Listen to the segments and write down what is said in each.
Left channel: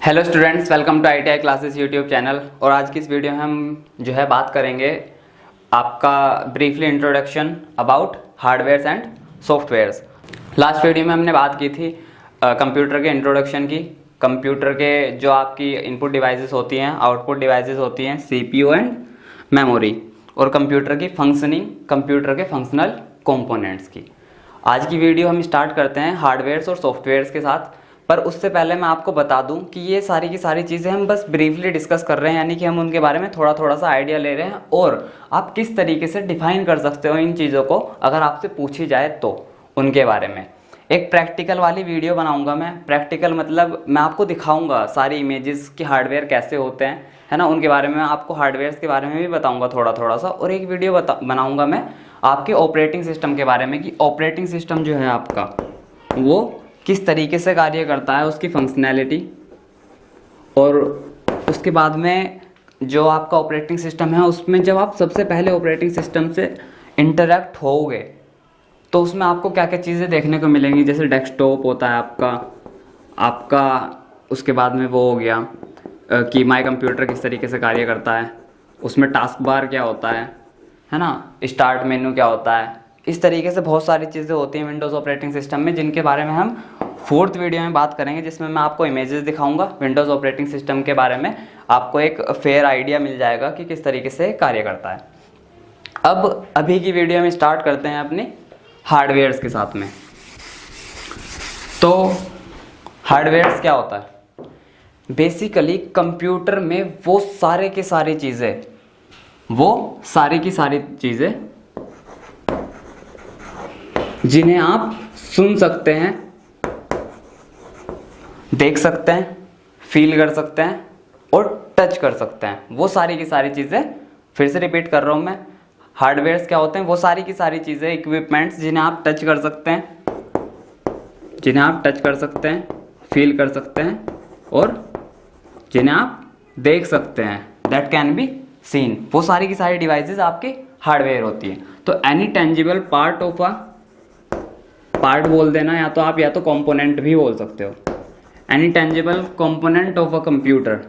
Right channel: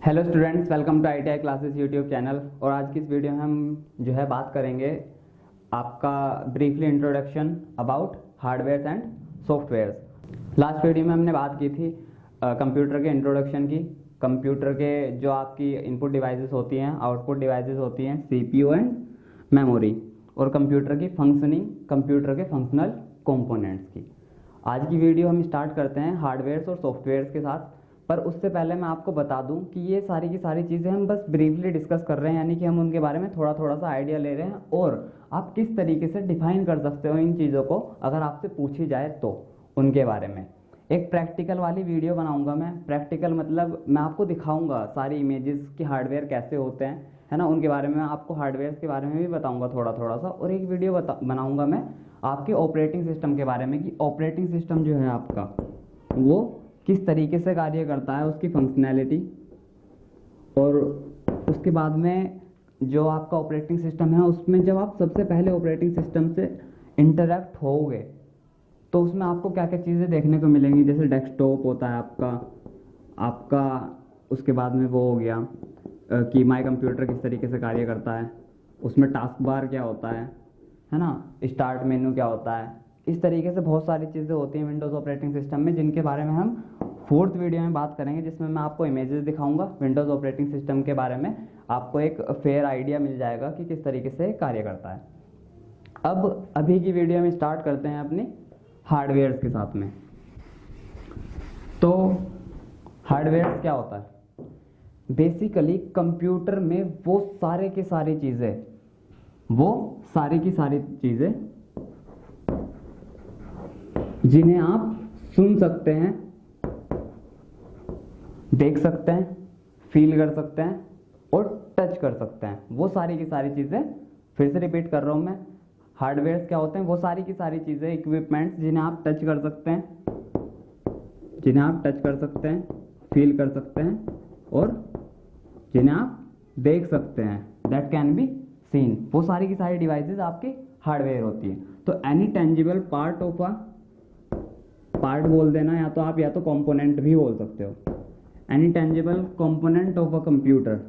Hello students, welcome to ITI classes YouTube channel. और आज की इस वीडियो में हम जो है बात करेंगे आपका briefly introduction about hardwares and softwares. Last video में हमने बात की थी कंप्यूटर के इंट्रोडक्शन की। कंप्यूटर के जो आपकी इनपुट डिवाइसेस होती हैं, आउटपुट डिवाइसेस होती हैं, CPU एंड मेमोरी, और कंप्यूटर की फंक्शनिंग, कंप्यूटर के फंक्शनल कंपोनेंट्स की। आज की वीडियो हम स्टार्ट करते हैं हार्डवेयर्स और सॉफ्टवेयर्स के साथ। पर उससे पहले मैं आपको बता दूं कि ये सारी की सारी चीज़ें हम बस ब्रीफली डिस्कस कर रहे हैं, यानी कि हम उनके बारे में थोड़ा थोड़ा सा आइडिया ले रहे हैं और आप किस तरीके से डिफाइन कर सकते हो इन चीज़ों को अगर आपसे पूछी जाए तो उनके बारे में। एक प्रैक्टिकल वाली वीडियो बनाऊंगा मैं। प्रैक्टिकल मतलब मैं आपको दिखाऊंगा सारी इमेजेस कि हार्डवेयर कैसे होते हैं, है ना, उनके बारे में आपको हार्डवेयर्स के बारे में भी बताऊंगा थोड़ा थोड़ा सा। और एक वीडियो बनाऊंगा मैं आपके ऑपरेटिंग सिस्टम के बारे में कि ऑपरेटिंग सिस्टम जो है आपका वो किस तरीके से कार्य करता है, उसकी फंक्शनैलिटी। और उसके बाद में जो आपका ऑपरेटिंग सिस्टम है उसमें जब आप सबसे पहले ऑपरेटिंग सिस्टम से इंटरेक्ट होगे तो उसमें आपको क्या क्या चीज़ें देखने को मिलेंगी। जैसे डेस्कटॉप होता है आपका उसके बाद में वो हो गया कि माई कंप्यूटर किस तरीके से कार्य करता है, उसमें टास्क बार क्या होता है ना, स्टार्ट मेनू क्या होता है। इस तरीके से बहुत सारी चीज़ें होती हैं विंडोज़ ऑपरेटिंग सिस्टम में, जिनके बारे में हम फोर्थ वीडियो में बात करेंगे, जिसमें मैं आपको इमेजेस दिखाऊंगा विंडोज़ ऑपरेटिंग सिस्टम के बारे में। आपको एक फेयर आइडिया मिल जाएगा कि किस तरीके से कार्य करता है। अब अभी की वीडियो में स्टार्ट करते हैं अपनी हार्डवेयर्स के साथ में। तो हार्डवेयर्स क्या होता है? बेसिकली कंप्यूटर में वो सारे की सारी चीज़ें जिन्हें आप सुन सकते हैं, देख सकते हैं, फील कर सकते हैं और टच कर सकते हैं, वो सारी की सारी चीज़ें, फिर से रिपीट कर रहा हूँ मैं, हार्डवेयर्स क्या होते हैं? वो सारी की सारी चीज़ें, इक्विपमेंट्स जिन्हें आप टच कर सकते हैं, फील कर सकते हैं और जिन्हें आप देख सकते हैं, दैट कैन बी सीन। वो सारी की सारी डिवाइसेस आपकी हार्डवेयर होती है। तो any tangible part of a, part बोल देना, या तो कंपोनेंट भी बोल सकते हो। Any tangible component of a computer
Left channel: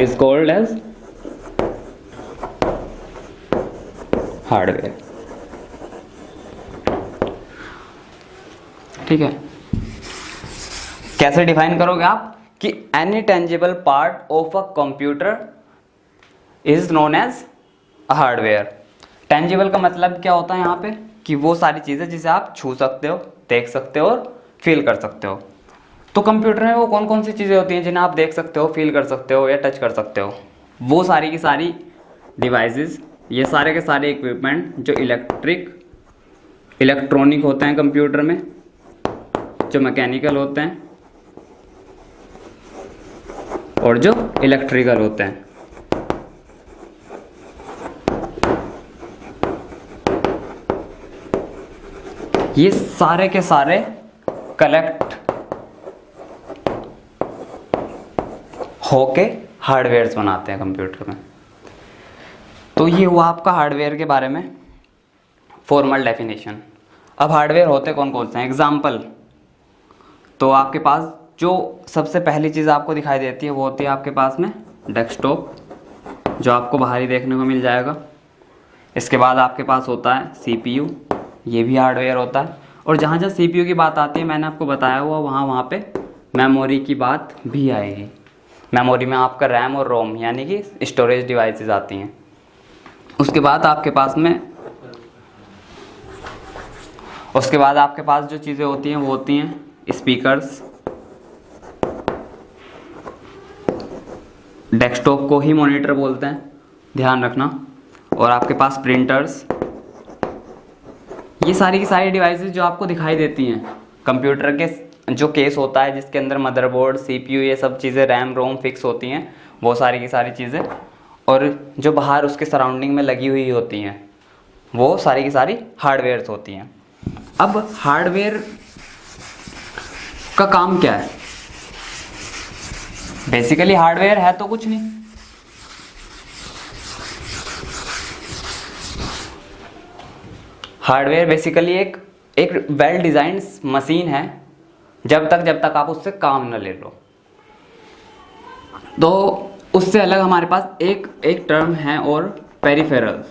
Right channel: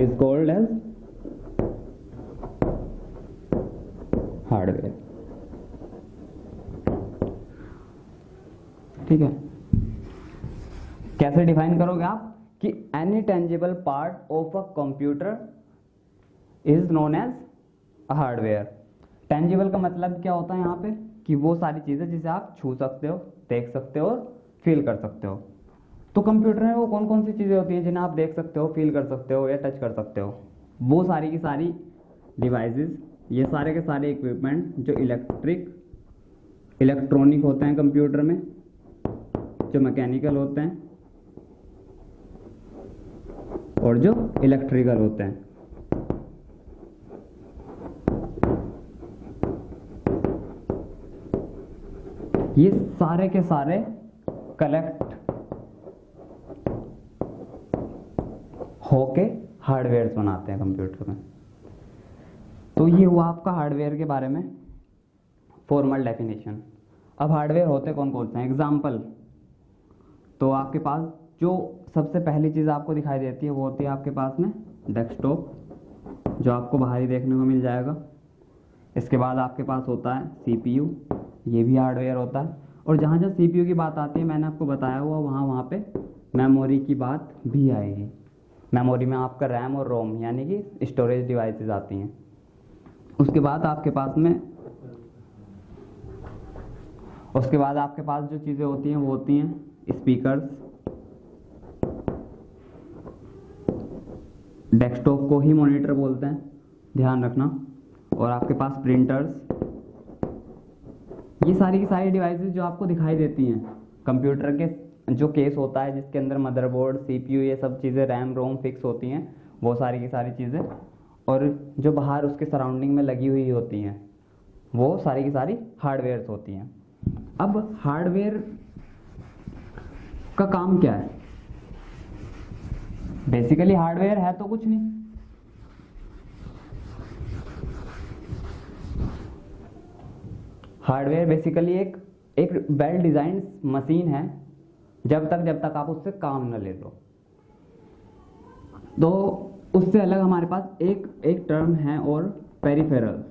is called as hardware. ठीक है, कैसे डिफाइन करोगे आप कि any tangible part of a computer is known as hardware. Tangible का मतलब क्या होता है यहाँ पे कि वो सारी चीज़ें जिसे आप छू सकते हो, देख सकते हो और फील कर सकते हो। तो कंप्यूटर में वो कौन कौन सी चीज़ें होती हैं जिन्हें आप देख सकते हो, फील कर सकते हो या टच कर सकते हो? वो सारी की सारी डिवाइसेस, ये सारे के सारे इक्विपमेंट जो इलेक्ट्रॉनिक होते हैं कंप्यूटर में, जो मैकेनिकल होते हैं और जो इलेक्ट्रिकल होते हैं। ये सारे के सारे कलेक्ट होके हार्डवेयर्स बनाते हैं कंप्यूटर में। तो ये हुआ आपका हार्डवेयर के बारे में फॉर्मल डेफिनेशन। अब हार्डवेयर होते कौन कौन से हैं? एग्जाम्पल, तो आपके पास जो सबसे पहली चीज़ आपको दिखाई देती है वो होती है आपके पास में डेस्कटॉप, जो आपको बाहर ही देखने को मिल जाएगा। इसके बाद आपके पास होता है CPU, ये भी हार्डवेयर होता है। और जहाँ जहाँ CPU की बात आती है, मैंने आपको बताया हुआ, वहाँ पे मेमोरी की बात भी आएगी। मेमोरी में आपका रैम और रोम यानी कि स्टोरेज डिवाइसेस आती हैं। उसके बाद आपके पास जो चीज़ें होती हैं वो होती हैं स्पीकर्स। डेस्कटॉप को ही मॉनिटर बोलते हैं, ध्यान रखना। और आपके पास प्रिंटर्स। ये सारी की सारी डिवाइसेस जो आपको दिखाई देती हैं कंप्यूटर के जो केस होता है, जिसके अंदर मदरबोर्ड, CPU, ये सब चीज़ें, रैम रोम फिक्स होती हैं, वो सारी की सारी चीज़ें। और जो बाहर उसके सराउंडिंग में लगी हुई होती हैं, वो सारी की सारी हार्डवेयर्स होती हैं। अब हार्डवेयर का काम क्या है? बेसिकली हार्डवेयर है तो कुछ नहीं, हार्डवेयर बेसिकली एक वेल डिज़ाइंड मशीन है जब तक आप उससे काम न ले लो। तो उससे अलग हमारे पास एक टर्म है और पेरिफेरल्स।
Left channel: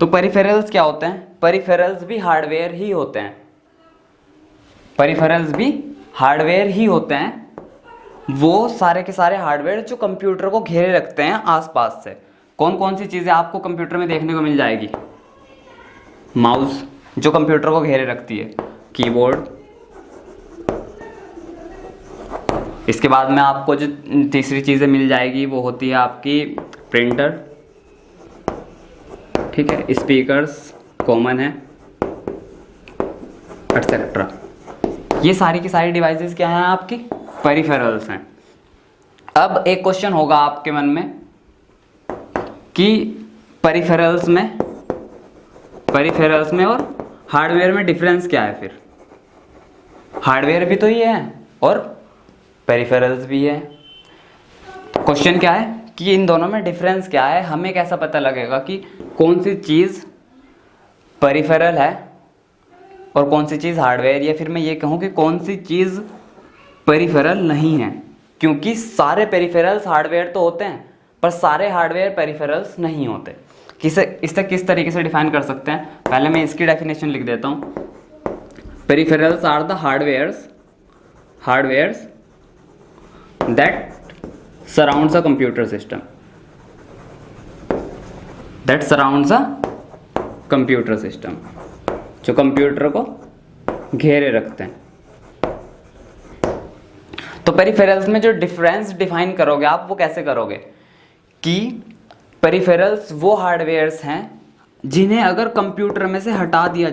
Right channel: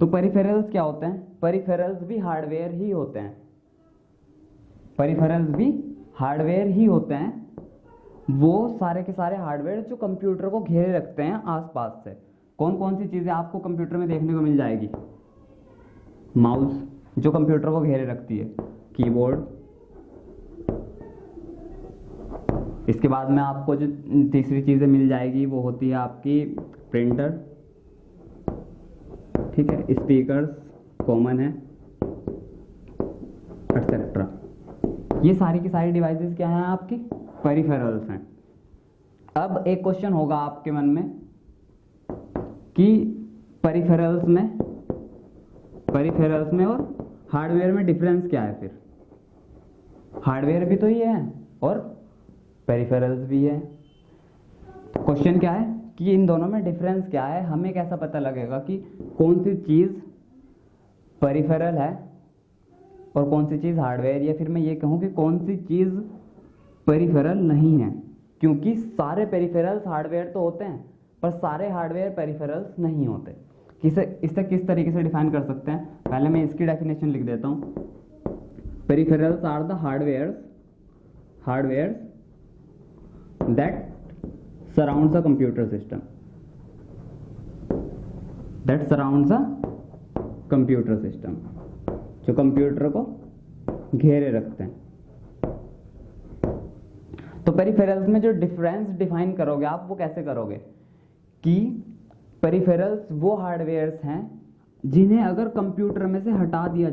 तो पेरिफेरल्स क्या होते हैं? पेरिफेरल्स भी हार्डवेयर ही होते हैं। पेरिफेरल्स भी हार्डवेयर ही होते हैं, वो सारे के सारे हार्डवेयर जो कंप्यूटर को घेरे रखते हैं आसपास से। कौन कौन सी चीज़ें आपको कंप्यूटर में देखने को मिल जाएगी? माउस जो कंप्यूटर को घेरे रखती है, कीबोर्ड, इसके बाद में आपको जो तीसरी चीज़ें मिल जाएगी वो होती है आपकी प्रिंटर, ठीक है, स्पीकर्स कॉमन है, एटसेट्रा। ये सारी की सारी डिवाइसेस क्या हैं? आपकी पेरिफेरल्स हैं। अब एक क्वेश्चन होगा आपके मन में कि पेरिफेरल्स में और हार्डवेयर में डिफरेंस क्या है? फिर हार्डवेयर भी तो ही है और पेरिफेरल्स भी है। क्वेश्चन क्या है कि इन दोनों में डिफरेंस क्या है? हमें कैसा पता लगेगा कि कौन सी चीज़ पेरिफेरल है और कौन सी चीज़ हार्डवेयर, या फिर मैं ये कहूँ कि कौन सी चीज़ पेरिफेरल नहीं है? क्योंकि सारे पेरिफेरल्स हार्डवेयर तो होते हैं पर सारे हार्डवेयर पेरिफेरल्स नहीं होते। इसे किस तरीके से डिफाइन कर सकते हैं? पहले मैं इसकी डेफिनेशन लिख देता हूँ। Peripherals are the hardwares that surrounds a computer system, जो कंप्यूटर को घेरे रखते हैं। तो पेरिफेरल्स में जो डिफरेंस डिफाइन करोगे आप, वो कैसे करोगे कि पेरिफेरल्स वो हार्डवेयर्स हैं जिन्हें अगर कंप्यूटर में से हटा दिया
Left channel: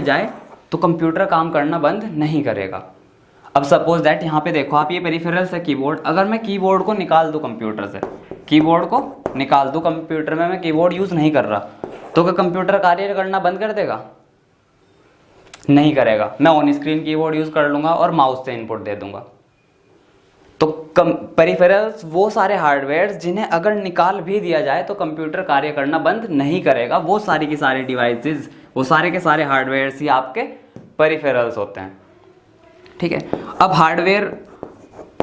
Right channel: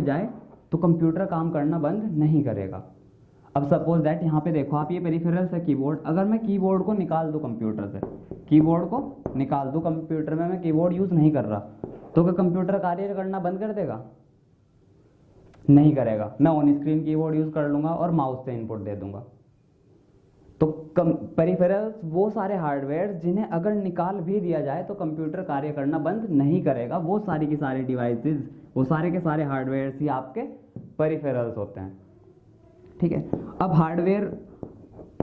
जाए तो कंप्यूटर काम करना बंद नहीं करेगा। अब सपोज दैट यहाँ पे देखो आप, ये पेरिफेरल्स है कीबोर्ड। अगर मैं कीबोर्ड को निकाल दूँ कंप्यूटर से, कंप्यूटर में मैं कीबोर्ड यूज़ नहीं कर रहा, तो क्या कंप्यूटर कार्य करना बंद कर देगा? नहीं करेगा। मैं ऑन स्क्रीन कीबोर्ड यूज़ कर लूँगा और माउस से इनपुट दे दूँगा। तो पेरिफेरल्स वो सारे हार्डवेयर जिन्हें अगर निकाल भी दिया जाए तो कंप्यूटर कार्य करना बंद नहीं करेगा। वो सारी की सारी डिवाइसेस, वो सारे के सारे हार्डवेयर्स ही आपके पेरिफेरल्स होते हैं, ठीक है। अब हार्डवेयर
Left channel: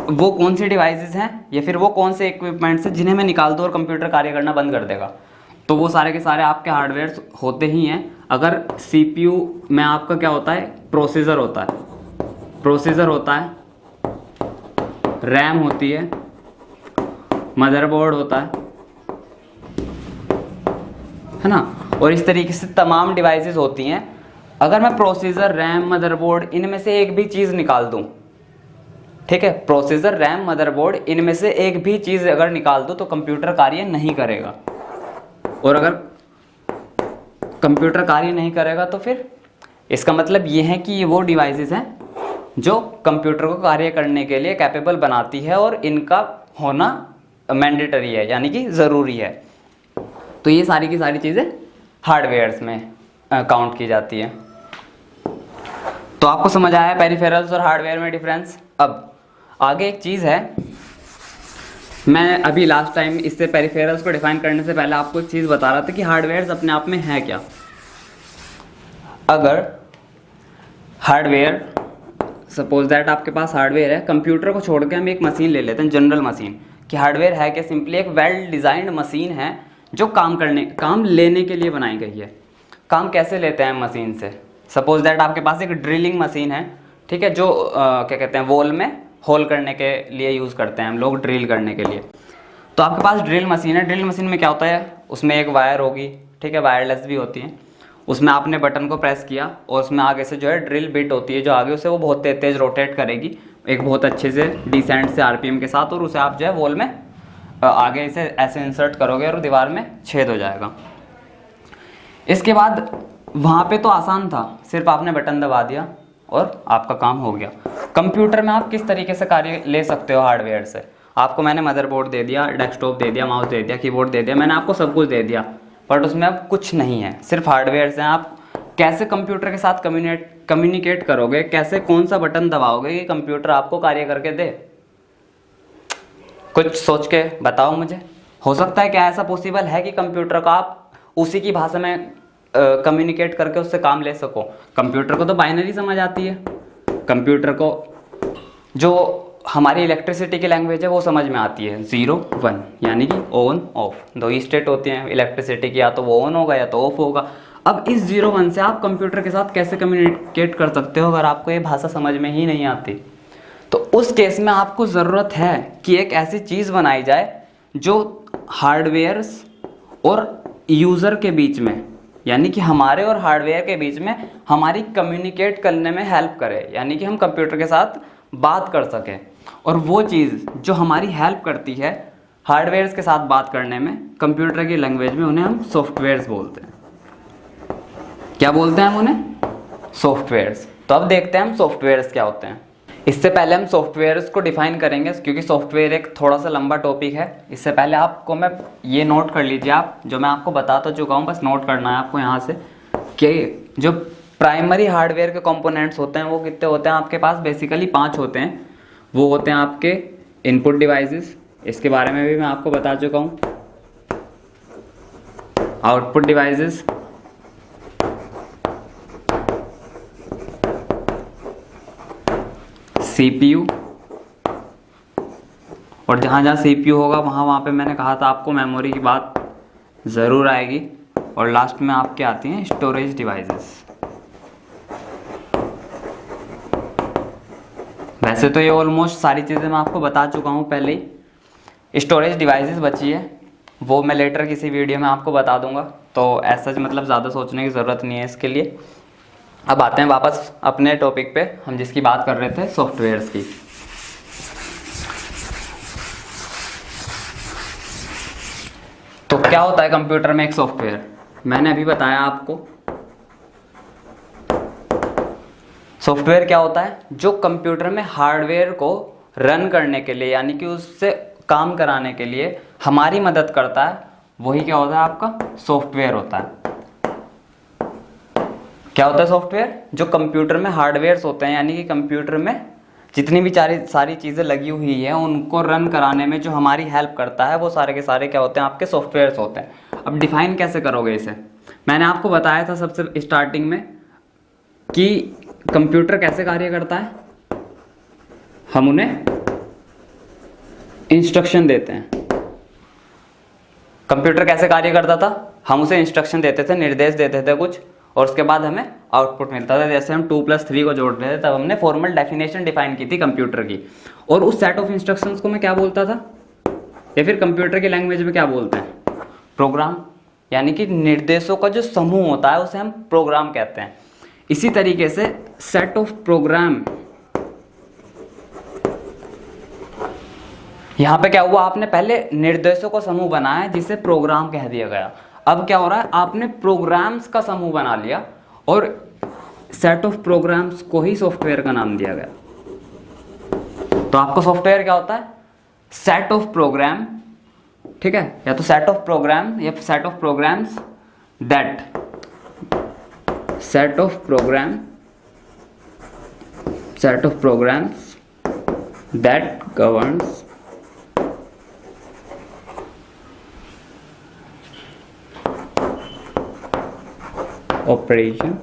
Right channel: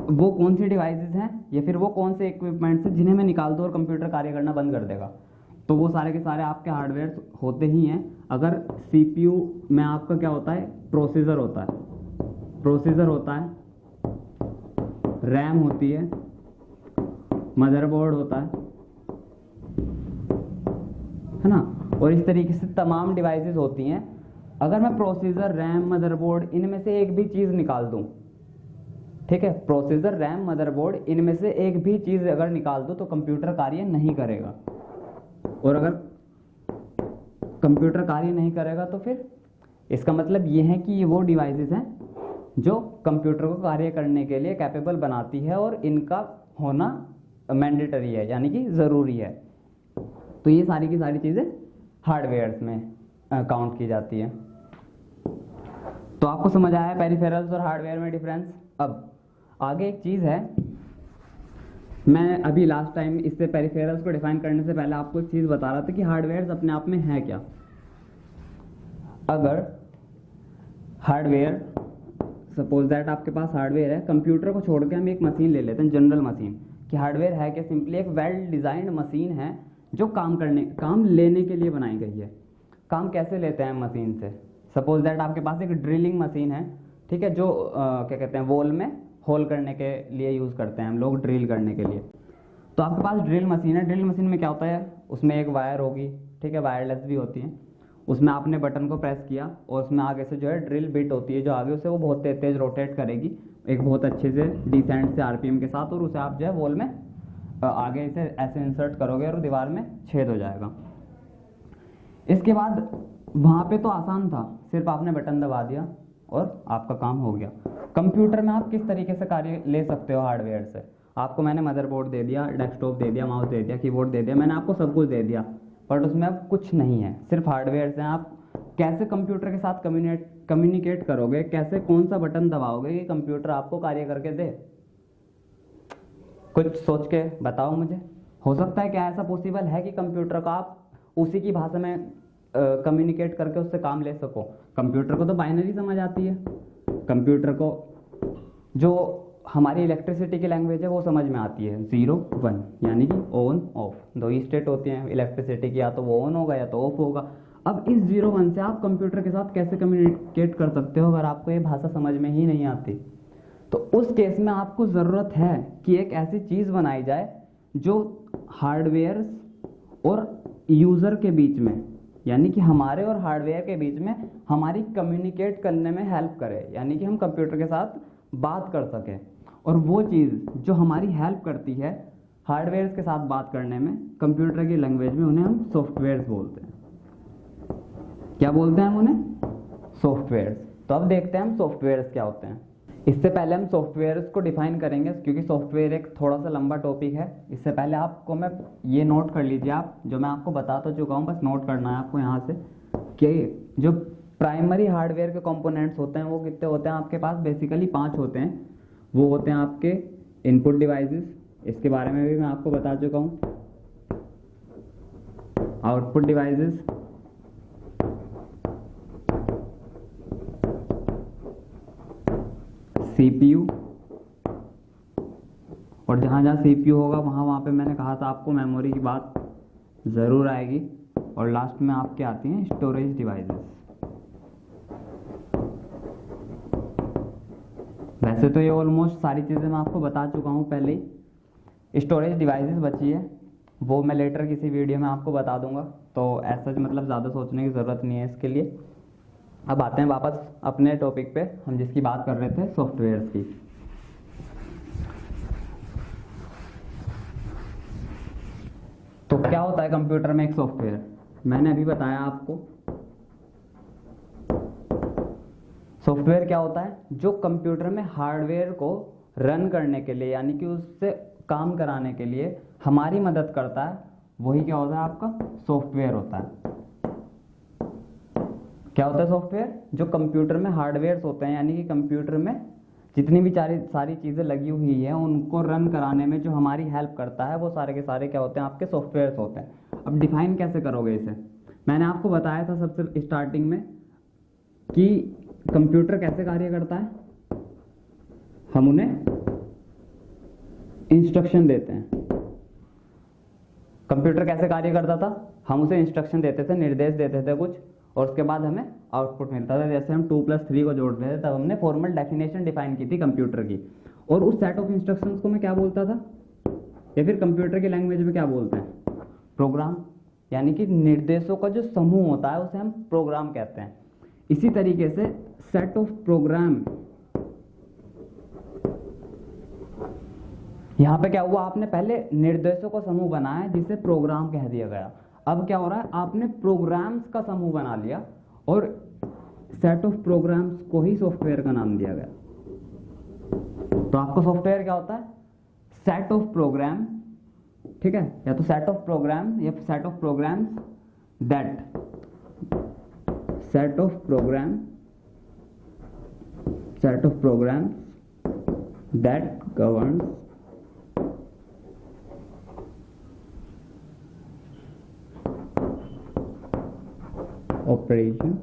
वो कौन सी डिवाइसेस हैं या फिर वो कौन से इक्विपमेंट्स हैं जिन्हें मैं निकाल दूँ और कंप्यूटर कार्य करना बंद कर देगा? तो वो सारे के सारे आपके हार्डवेयर होते ही हैं। अगर CPU में आपका क्या होता है? प्रोसेसर होता है, रैम होती है, मदरबोर्ड होता है ना, और इस तरीके से तमाम डिवाइसेस होती हैं। अगर मैं प्रोसेसर, रैम, मदरबोर्ड इनमें से एक भी चीज़ निकाल दूं, ठीक है, प्रोसेसर, रैम, मदरबोर्ड इनमें से एक भी चीज़ अगर निकाल दूं तो कंप्यूटर कार्य नहीं करेगा। और अगर कंप्यूटर कार्य नहीं करेगा तो फिर इसका मतलब ये है कि ये वो डिवाइसेस हैं जो कंप्यूटर को कार्य करने के लिए कैपेबल बनाती है और इनका होना मैंडेटरी है, यानी कि ज़रूरी है। तो ये सारी की सारी चीज़ें हार्डवेयर्स में काउंट की जाती है। तो आपको समझ आया पेरिफेरल्स और हार्डवेयर में डिफरेंस। अब आगे एक चीज़ है, मैं अभी लास्ट टाइम इससे पेरिफेरल्स को डिफाइन करने से पहले आपको एक चीज़ बता रहा था कि हार्डवेयर्स अपने आप में है क्या। अगर हार्डवेयर, सपोज दैट आपके पास हार्डवेयर है, कंप्यूटर को छोड़ के हम एक मशीन ले लेते हैं, जनरल मशीन। कि हार्डवेयर है क्या? सिंपली एक वेल डिज़ाइंड मशीन है जो काम लेने के लिए बनाई गई है। काम कैसे लेते हैं मशीन से? सपोज दैट आपके पास एक ड्रिलिंग मशीन है, ठीक है, जो क्या कहते हैं, वॉल में होल करने के लिए यूज़ करते हैं हम लोग, ड्रिल करने के लिए। तो आपके पास ड्रिल मशीन है। ड्रिल मशीन में क्या होता है? उसमें एक वायर होगी, ठीक है, वायरलेस भी होती है। उसमें आपने बटन को प्रेस किया और उसमें आगे से जो है ड्रिल बिट होती है जो आगे उसे वो बहुत तेज़ रोटेट करेगी एक बहुत अच्छे से डिसेंट से RPM के साथ, और उसे आप जो है वॉल में आगे इसे ऐसे इंसर्ट करोगे और दीवार में छेद हो जाएगा। इसके बाद वहाँ पे तो आसान था, सिर्फ आपने बटन दबा दिया और आपका काम हो गया। कंप्यूटर में आप किस तरीके से कार्य ले सकते हो हार्डवेयर से? आपको मैंने मदरबोर्ड दे दिया, डेस्कटॉप दे दिया, माउस दे दिया, कीबोर्ड दे दिया, मैंने आपको सब कुछ दे दिया, बट उसमें अब कुछ नहीं है, सिर्फ हार्डवेयर हैं। आप कैसे कंप्यूटर के साथ कम्युनिकेट करोगे? कैसे, कौन सा बटन दबाओगे कि कंप्यूटर आपको कार्य करके दे? कुछ सोच के बताओ मुझे। हो सकता है क्या ऐसा पॉसिबल है कि कंप्यूटर का आप उसी की भाषा में कम्युनिकेट करके उससे काम ले सको। कंप्यूटर को तो बाइनरी समझ आती है, कंप्यूटर को जो हमारी इलेक्ट्रिसिटी की लैंग्वेज है वो समझ में आती है, 0 1 यानी कि ऑन ऑफ, दो ही स्टेट होती हैं इलेक्ट्रिसिटी की, या तो वो ऑन होगा या तो ऑफ होगा। अब इस 0 1 से आप कंप्यूटर के साथ कैसे कम्युनिकेट कर सकते हो अगर आपको ये भाषा समझ में ही नहीं आती। तो उस केस में आपको ज़रूरत है कि एक ऐसी चीज़ बनाई जाए जो हार्डवेयर्स और यूज़र के बीच में, यानी कि हमारे और हार्डवेयर के बीच में हमारी कम्युनिकेट करने में हेल्प करे, यानी कि हम कंप्यूटर के साथ बात कर सकें। और वो चीज़ जो हमारी हेल्प करती है हार्डवेयर्स के साथ बात करने में कंप्यूटर की लैंग्वेज में, उन्हें हम सॉफ्टवेयर्स बोलते हैं। क्या बोलते हैं हम उन्हें? सॉफ्टवेयर्स। तो अब देखते हैं हम सॉफ्टवेयर्स क्या होते हैं। इससे पहले हम सॉफ्टवेयर्स को डिफाइन करेंगे, क्योंकि सॉफ्टवेयर एक थोड़ा सा लंबा टॉपिक है। इससे पहले आपको मैं ये नोट कर लीजिए, आप जो मैं आपको बता तो चुका हूँ, बस नोट करना है आपको यहाँ से कि जो प्राइमरी हार्डवेयर के कंपोनेंट्स होते हैं वो कितने होते हैं आपके पास। बेसिकली 5 होते हैं। वो होते हैं आपके इनपुट डिवाइसेस, इसके बारे में भी मैं आपको बता चुका हूँ। आउटपुट डिवाइसेस, सीपीयू, और जहाँ जहाँ सीपीयू होगा वहाँ पे मैंने कहा था आपको मेमोरी की बात ज़रूर आएगी। और लास्ट में आपके आती हैं स्टोरेज डिवाइसेस। वैसे तो ये ऑलमोस्ट सारी चीज़ें मैं आपको बता चुका हूँ पहले ही। स्टोरेज डिवाइसेस बची है, वो मैं लेटर किसी वीडियो में आपको बता दूंगा, तो ऐसा मतलब ज़्यादा सोचने की ज़रूरत नहीं है इसके लिए। अब आते हैं वापस अपने टॉपिक पे, हम जिसकी बात कर रहे थे सॉफ्टवेयर्स की। तो क्या होता है कंप्यूटर में एक सॉफ्टवेयर? मैंने अभी बताया आपको। सॉफ्टवेयर क्या होता है? जो कंप्यूटर में हार्डवेयर को रन करने के लिए, यानी कि उससे काम कराने के लिए हमारी मदद करता है, वही क्या होता है आपका सॉफ्टवेयर होता है। क्या होता है सॉफ्टवेयर? जो कंप्यूटर में हार्डवेयर्स होते हैं, यानी कि कंप्यूटर में जितनी भी सारी चीज़ें लगी हुई हैं उनको रन कराने में जो हमारी हेल्प करता है, वो सारे के सारे क्या होते हैं आपके सॉफ्टवेयर्स होते हैं। अब डिफाइन कैसे करोगे इसे? मैंने आपको बताया था सबसे स्टार्टिंग में कि कंप्यूटर कैसे कार्य करता है। हम उन्हें इंस्ट्रक्शन देते हैं। कंप्यूटर कैसे कार्य करता था? हम उसे इंस्ट्रक्शन देते थे, निर्देश देते थे कुछ, और उसके बाद हमें आउटपुट मिलता था। जैसे हम 2+3 को जोड़ रहे थे तब हमने फॉर्मल डेफिनेशन डिफाइन की थी कंप्यूटर की। और उस सेट ऑफ इंस्ट्रक्शंस को मैं क्या बोलता था, या फिर कंप्यूटर की लैंग्वेज में क्या बोलते हैं? प्रोग्राम। यानी कि निर्देशों का जो समूह होता है उसे हम प्रोग्राम कहते हैं। इसी तरीके से सेट ऑफ प्रोग्राम, यहाँ पे क्या हुआ, आपने पहले निर्देशों का समूह बनाया जिसे प्रोग्राम कह दिया गया। अब क्या हो रहा है, आपने प्रोग्राम्स का समूह बना लिया और सेट ऑफ प्रोग्राम्स को ही सॉफ्टवेयर का नाम दिया गया। तो आपका सॉफ्टवेयर क्या होता है? सेट ऑफ प्रोग्राम, ठीक है, या तो सेट ऑफ प्रोग्राम या set of programs that, set of programs that governs operation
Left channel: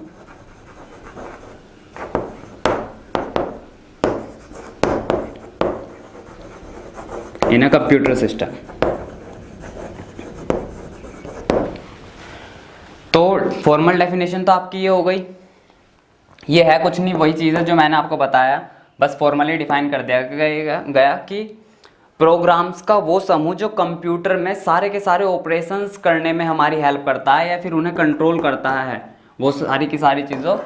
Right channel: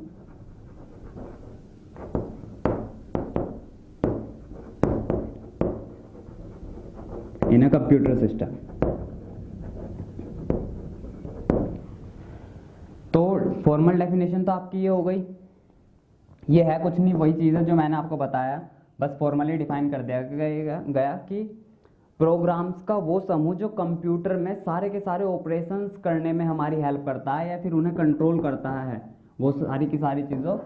in a computer system। तो फॉर्मल डेफिनेशन तो आपकी ये हो गई। ये है कुछ नहीं, वही चीज़ है जो मैंने आपको बताया, बस फॉर्मली डिफाइन कर दिया गया कि प्रोग्राम्स का वो समूह जो कंप्यूटर में सारे के सारे ऑपरेशंस करने में हमारी हेल्प करता है या फिर उन्हें कंट्रोल करता है, वो सारी की सारी चीज़ों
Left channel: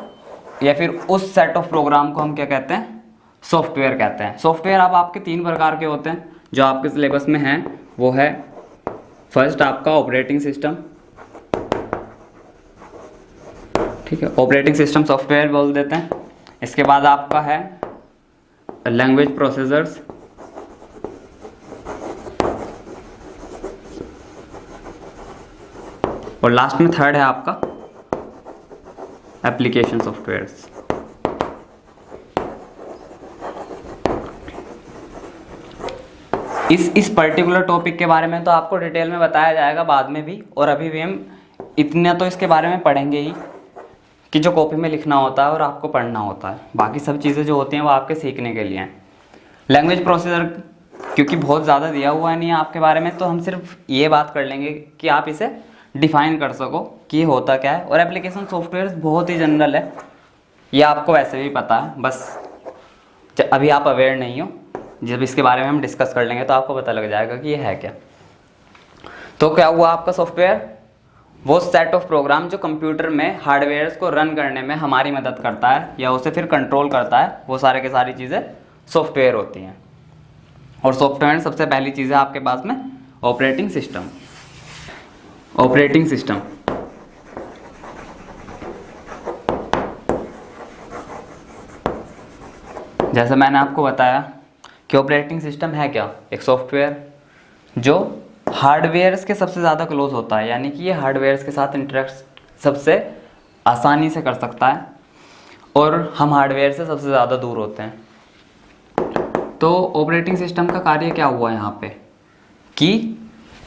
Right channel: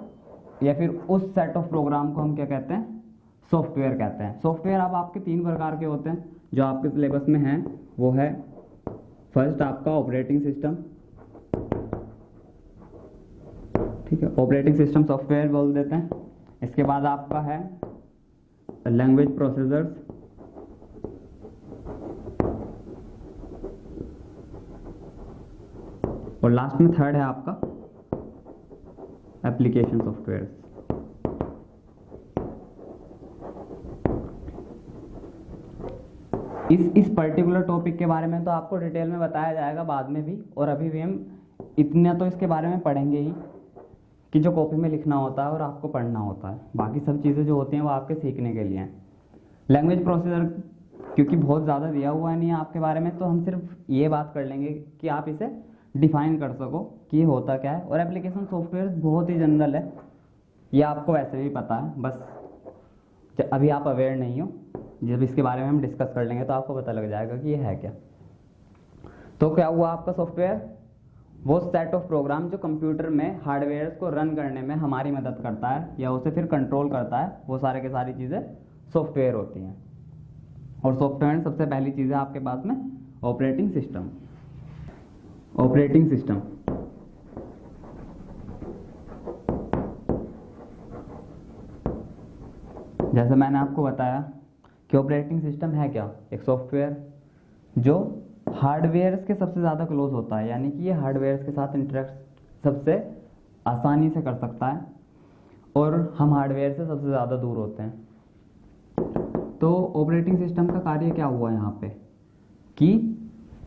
या फिर उस सेट ऑफ प्रोग्राम को हम क्या कहते हैं? सॉफ्टवेयर कहते हैं। सॉफ्टवेयर अब आपके 3 प्रकार के होते हैं जो आपके सिलेबस में हैं। वो है फर्स्ट आपका ऑपरेटिंग सिस्टम, ठीक है, ऑपरेटिंग सिस्टम सॉफ्टवेयर बोल देते हैं। इसके बाद आपका है लैंग्वेज प्रोसेसर्स, और लास्ट में थर्ड है आपका एप्लीकेशन सॉफ्टवेयर्स। इस पर्टिकुलर टॉपिक के बारे में तो आपको डिटेल में बताया जाएगा बाद में भी, और अभी भी हम इतना तो इसके बारे में पढ़ेंगे ही कि जो कॉपी में लिखना होता है और आपको पढ़ना होता है। बाकी सब चीज़ें जो होती हैं वो आपके सीखने के लिए हैं। लैंग्वेज प्रोसीजर क्योंकि बहुत ज़्यादा दिया हुआ नहीं है आपके बारे में, तो हम सिर्फ ये बात कर लेंगे कि आप इसे डिफाइन कर सको कि ये होता क्या है। और एप्लीकेशन सॉफ्टवेयर बहुत ही जनरल है, ये आपको वैसे भी पता है, बस अभी आप अवेयर नहीं हो। जब इसके बारे में हम डिस्कस कर लेंगे तो आपको पता लग जाएगा कि ये है क्या। तो क्या हुआ आपका सॉफ्टवेयर? वो सेट ऑफ प्रोग्राम जो कंप्यूटर में हार्डवेयर को रन करने में हमारी मदद करता है या उसे फिर कंट्रोल करता है, वो सारे के सारी चीज़ें सॉफ्टवेयर होती हैं। और सॉफ्टवेयर में सबसे पहली चीज़ है आपके पास में ऑपरेटिंग सिस्टम। ऑपरेटिंग सिस्टम जैसे मैंने आपको बताया कि ऑपरेटिंग सिस्टम है क्या? एक सॉफ्टवेयर जो हार्डवेयर्स के सबसे ज़्यादा क्लोज होता है, यानी कि ये हार्डवेयर्स के साथ इंटरेक्ट सबसे आसानी से कर सकता है और हम हार्डवेयर से सबसे ज़्यादा दूर होते हैं। तो ऑपरेटिंग सिस्टम का कार्य क्या हुआ यहाँ पे कि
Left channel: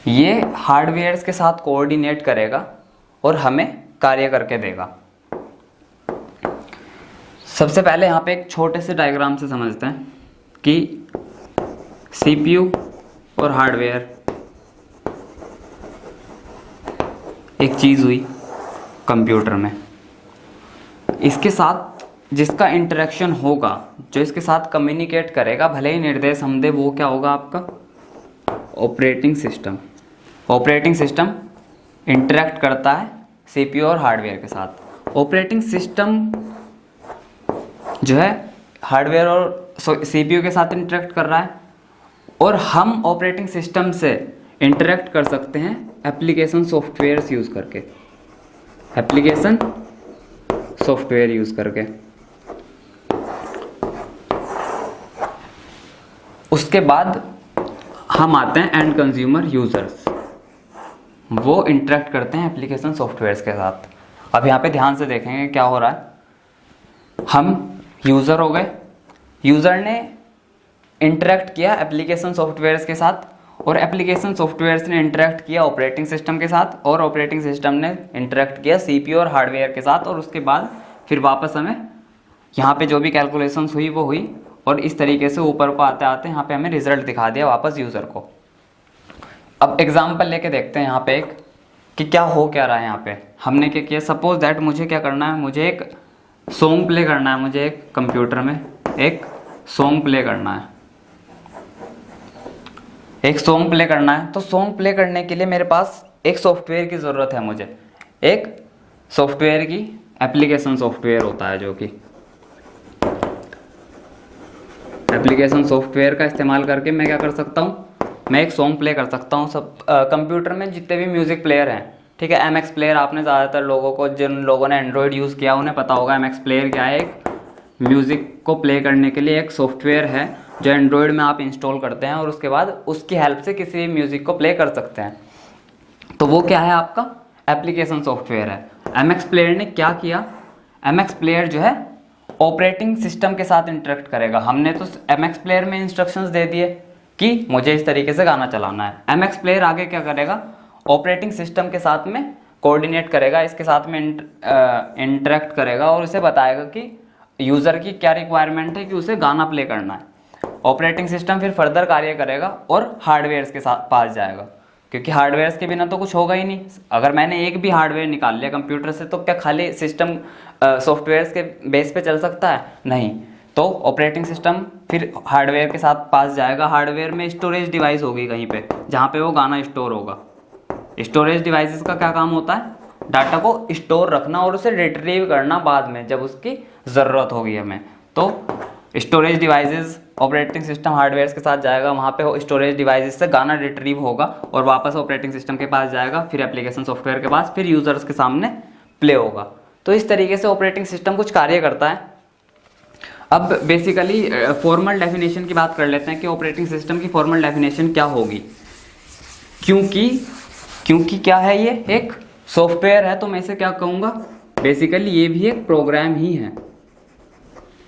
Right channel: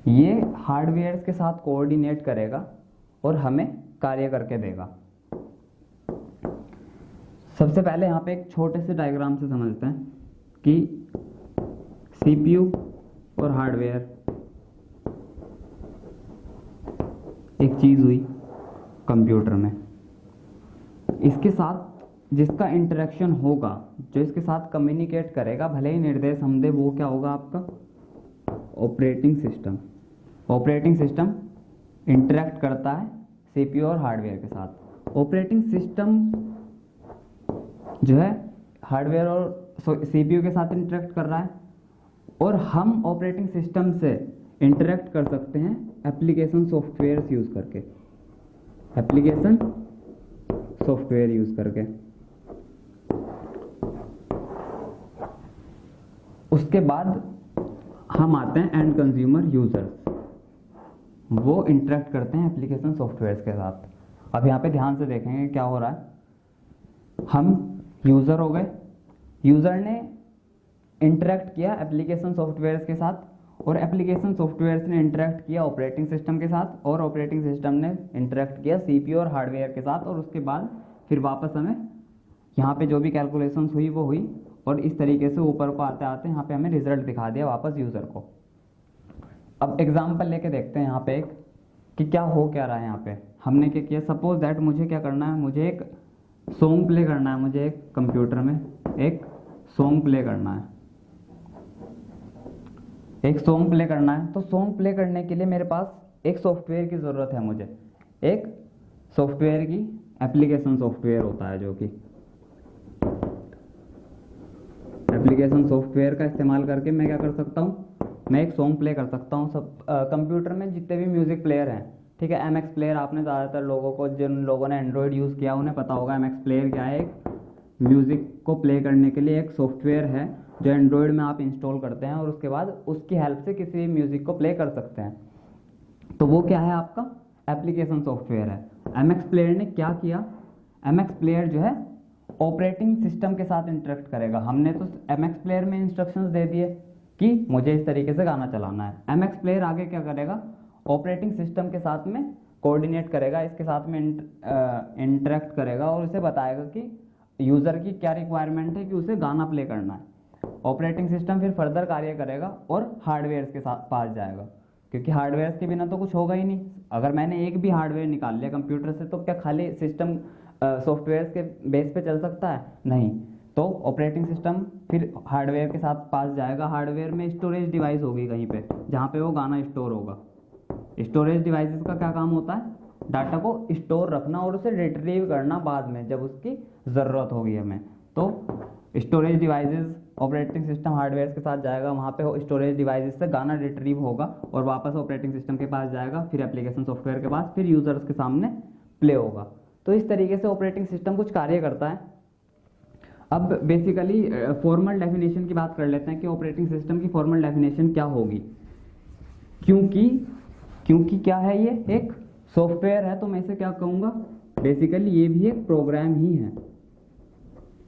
ये हार्डवेयर्स के साथ कोऑर्डिनेट करेगा और हमें कार्य करके देगा। सबसे पहले यहाँ पे एक छोटे से डायग्राम से समझते हैं कि सीपीयू और हार्डवेयर एक चीज़ हुई कंप्यूटर में। इसके साथ जिसका इंटरेक्शन होगा, जो इसके साथ कम्युनिकेट करेगा, भले ही निर्देश हम दे, वो क्या होगा आपका? Operating system. Operating system interact करता है सीपीयू और हार्डवेयर के साथ। ऑपरेटिंग सिस्टम जो है हार्डवेयर और सीपीयू के साथ इंटरेक्ट कर रहा है, और हम ऑपरेटिंग सिस्टम से इंटरेक्ट कर सकते हैं एप्लीकेशन सॉफ्टवेयर यूज़ करके। एप्लीकेशन सॉफ्टवेयर यूज़ करके। उसके बाद हम आते हैं एंड कंज्यूमर यूजर्स, वो इंटरेक्ट करते हैं एप्लीकेशन सॉफ्टवेयर के साथ। अब यहाँ पे ध्यान से देखेंगे क्या हो रहा है। हम यूज़र हो गए, यूज़र ने इंटरेक्ट किया एप्लीकेशन सॉफ्टवेयर्स के साथ, और एप्लीकेशन सॉफ्टवेयर्स ने इंटरेक्ट किया ऑपरेटिंग सिस्टम के साथ, और ऑपरेटिंग सिस्टम ने इंटरेक्ट किया सीपीयू और हार्डवेयर के साथ, और उसके बाद फिर वापस हमें यहाँ पे जो भी कैलकुलेशंस हुई वो हुई, और इस तरीके से ऊपर को आते आते यहाँ पे हमें रिजल्ट दिखा दिया वापस यूज़र को। अब एग्जाम्पल लेके देखते हैं यहाँ पे एक कि क्या हो क्या रहा है। यहाँ पे हमने क्या किया, सपोज दैट मुझे क्या करना है, मुझे एक सॉन्ग प्ले करना है, मुझे एक कंप्यूटर में एक सॉन्ग प्ले करना है, एक सॉन्ग प्ले करना है। तो सॉन्ग प्ले करने के लिए मेरे पास एक सॉफ्टवेयर की ज़रूरत है। मुझे एक सॉफ्टवेयर की एप्लीकेशन सॉफ्टवेयर होता है, जो कि एप्लीकेशन सॉफ्टवेयर का इस्तेमाल करके मैं क्या कर सकता हूँ, मैं एक सॉन्ग प्ले कर सकता हूँ। सब कंप्यूटर में जितने भी म्यूज़िक प्लेयर हैं, ठीक है, MX प्लेयर, आपने ज़्यादातर लोगों को, जिन लोगों ने एंड्रॉयड यूज़ किया उन्हें पता होगा MX प्लेयर क्या है। एक म्यूज़िक को प्ले करने के लिए एक सॉफ्टवेयर है जो एंड्रॉयड में आप इंस्टॉल करते हैं, और उसके बाद उसकी हेल्प से किसी म्यूज़िक को प्ले कर सकते हैं। तो वो क्या है आपका? एप्लीकेशन सॉफ्टवेयर है। MX प्लेयर ने क्या किया, MX प्लेयर जो है ऑपरेटिंग सिस्टम के साथ इंटरेक्ट करेगा। हमने तो MX प्लेयर में इंस्ट्रक्शंस दे दिए कि मुझे इस तरीके से गाना चलाना है। MX प्लेयर आगे क्या करेगा, ऑपरेटिंग सिस्टम के साथ में कोऑर्डिनेट करेगा, इसके साथ में इंटरेक्ट करेगा और उसे बताएगा कि यूज़र की क्या रिक्वायरमेंट है कि उसे गाना प्ले करना है। ऑपरेटिंग सिस्टम फिर फर्दर कार्य करेगा और हार्डवेयर्स के साथ पास जाएगा, क्योंकि हार्डवेयर्स के बिना तो कुछ होगा ही नहीं। अगर मैंने एक भी हार्डवेयर निकाल लिया कंप्यूटर से, तो क्या खाली सिस्टम सॉफ्टवेयर्स के बेस पे चल सकता है? नहीं। तो ऑपरेटिंग सिस्टम फिर हार्डवेयर के साथ पास जाएगा। हार्डवेयर में स्टोरेज डिवाइस होगी कहीं पे, जहाँ पे वो गाना स्टोर होगा। स्टोरेज डिवाइसेस का क्या काम होता है? डाटा को स्टोर रखना और उसे रिट्रीव करना बाद में जब उसकी ज़रूरत होगी हमें। तो storage devices operating system hardware के साथ जाएगा, वहाँ पे स्टोरेज डिवाइसेस से गाना रिट्रीव होगा और वापस ऑपरेटिंग सिस्टम के पास जाएगा, फिर एप्लीकेशन सॉफ्टवेयर के पास, फिर यूज़र्स के सामने प्ले होगा। तो इस तरीके से ऑपरेटिंग सिस्टम कुछ कार्य करता है। अब बेसिकली फॉर्मल डेफिनेशन की बात कर लेते हैं कि ऑपरेटिंग सिस्टम की फॉर्मल डेफिनेशन क्या होगी। क्योंकि क्या है, ये एक सॉफ्टवेयर है, तो मैं इसे क्या कहूँगा, बेसिकली ये भी एक प्रोग्राम ही है।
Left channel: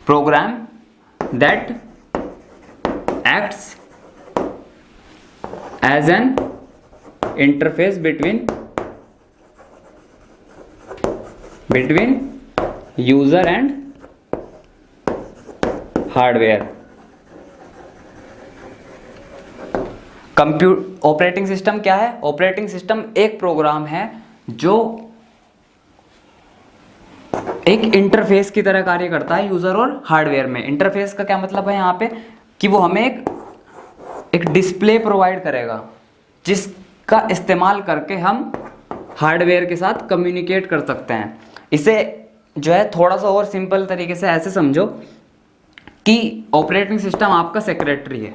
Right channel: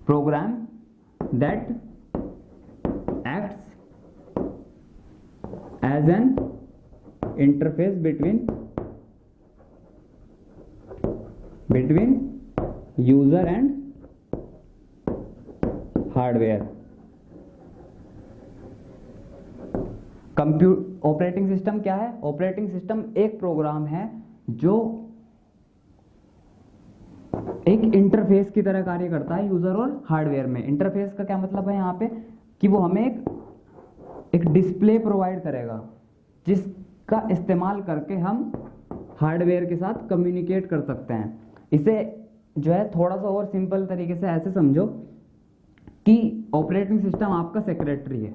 Program that acts as an interface between user and hardware. Operating system क्या है? ऑपरेटिंग सिस्टम एक प्रोग्राम है जो एक इंटरफेस की तरह कार्य करता है यूजर और हार्डवेयर में। इंटरफेस का क्या मतलब है यहाँ पे कि वो हमें एक डिस्प्ले प्रोवाइड करेगा जिसका इस्तेमाल करके हम हार्डवेयर के साथ कम्युनिकेट कर सकते हैं। इसे जो है थोड़ा सा और सिंपल तरीके से ऐसे समझो कि ऑपरेटिंग सिस्टम आपका सेक्रेटरी है।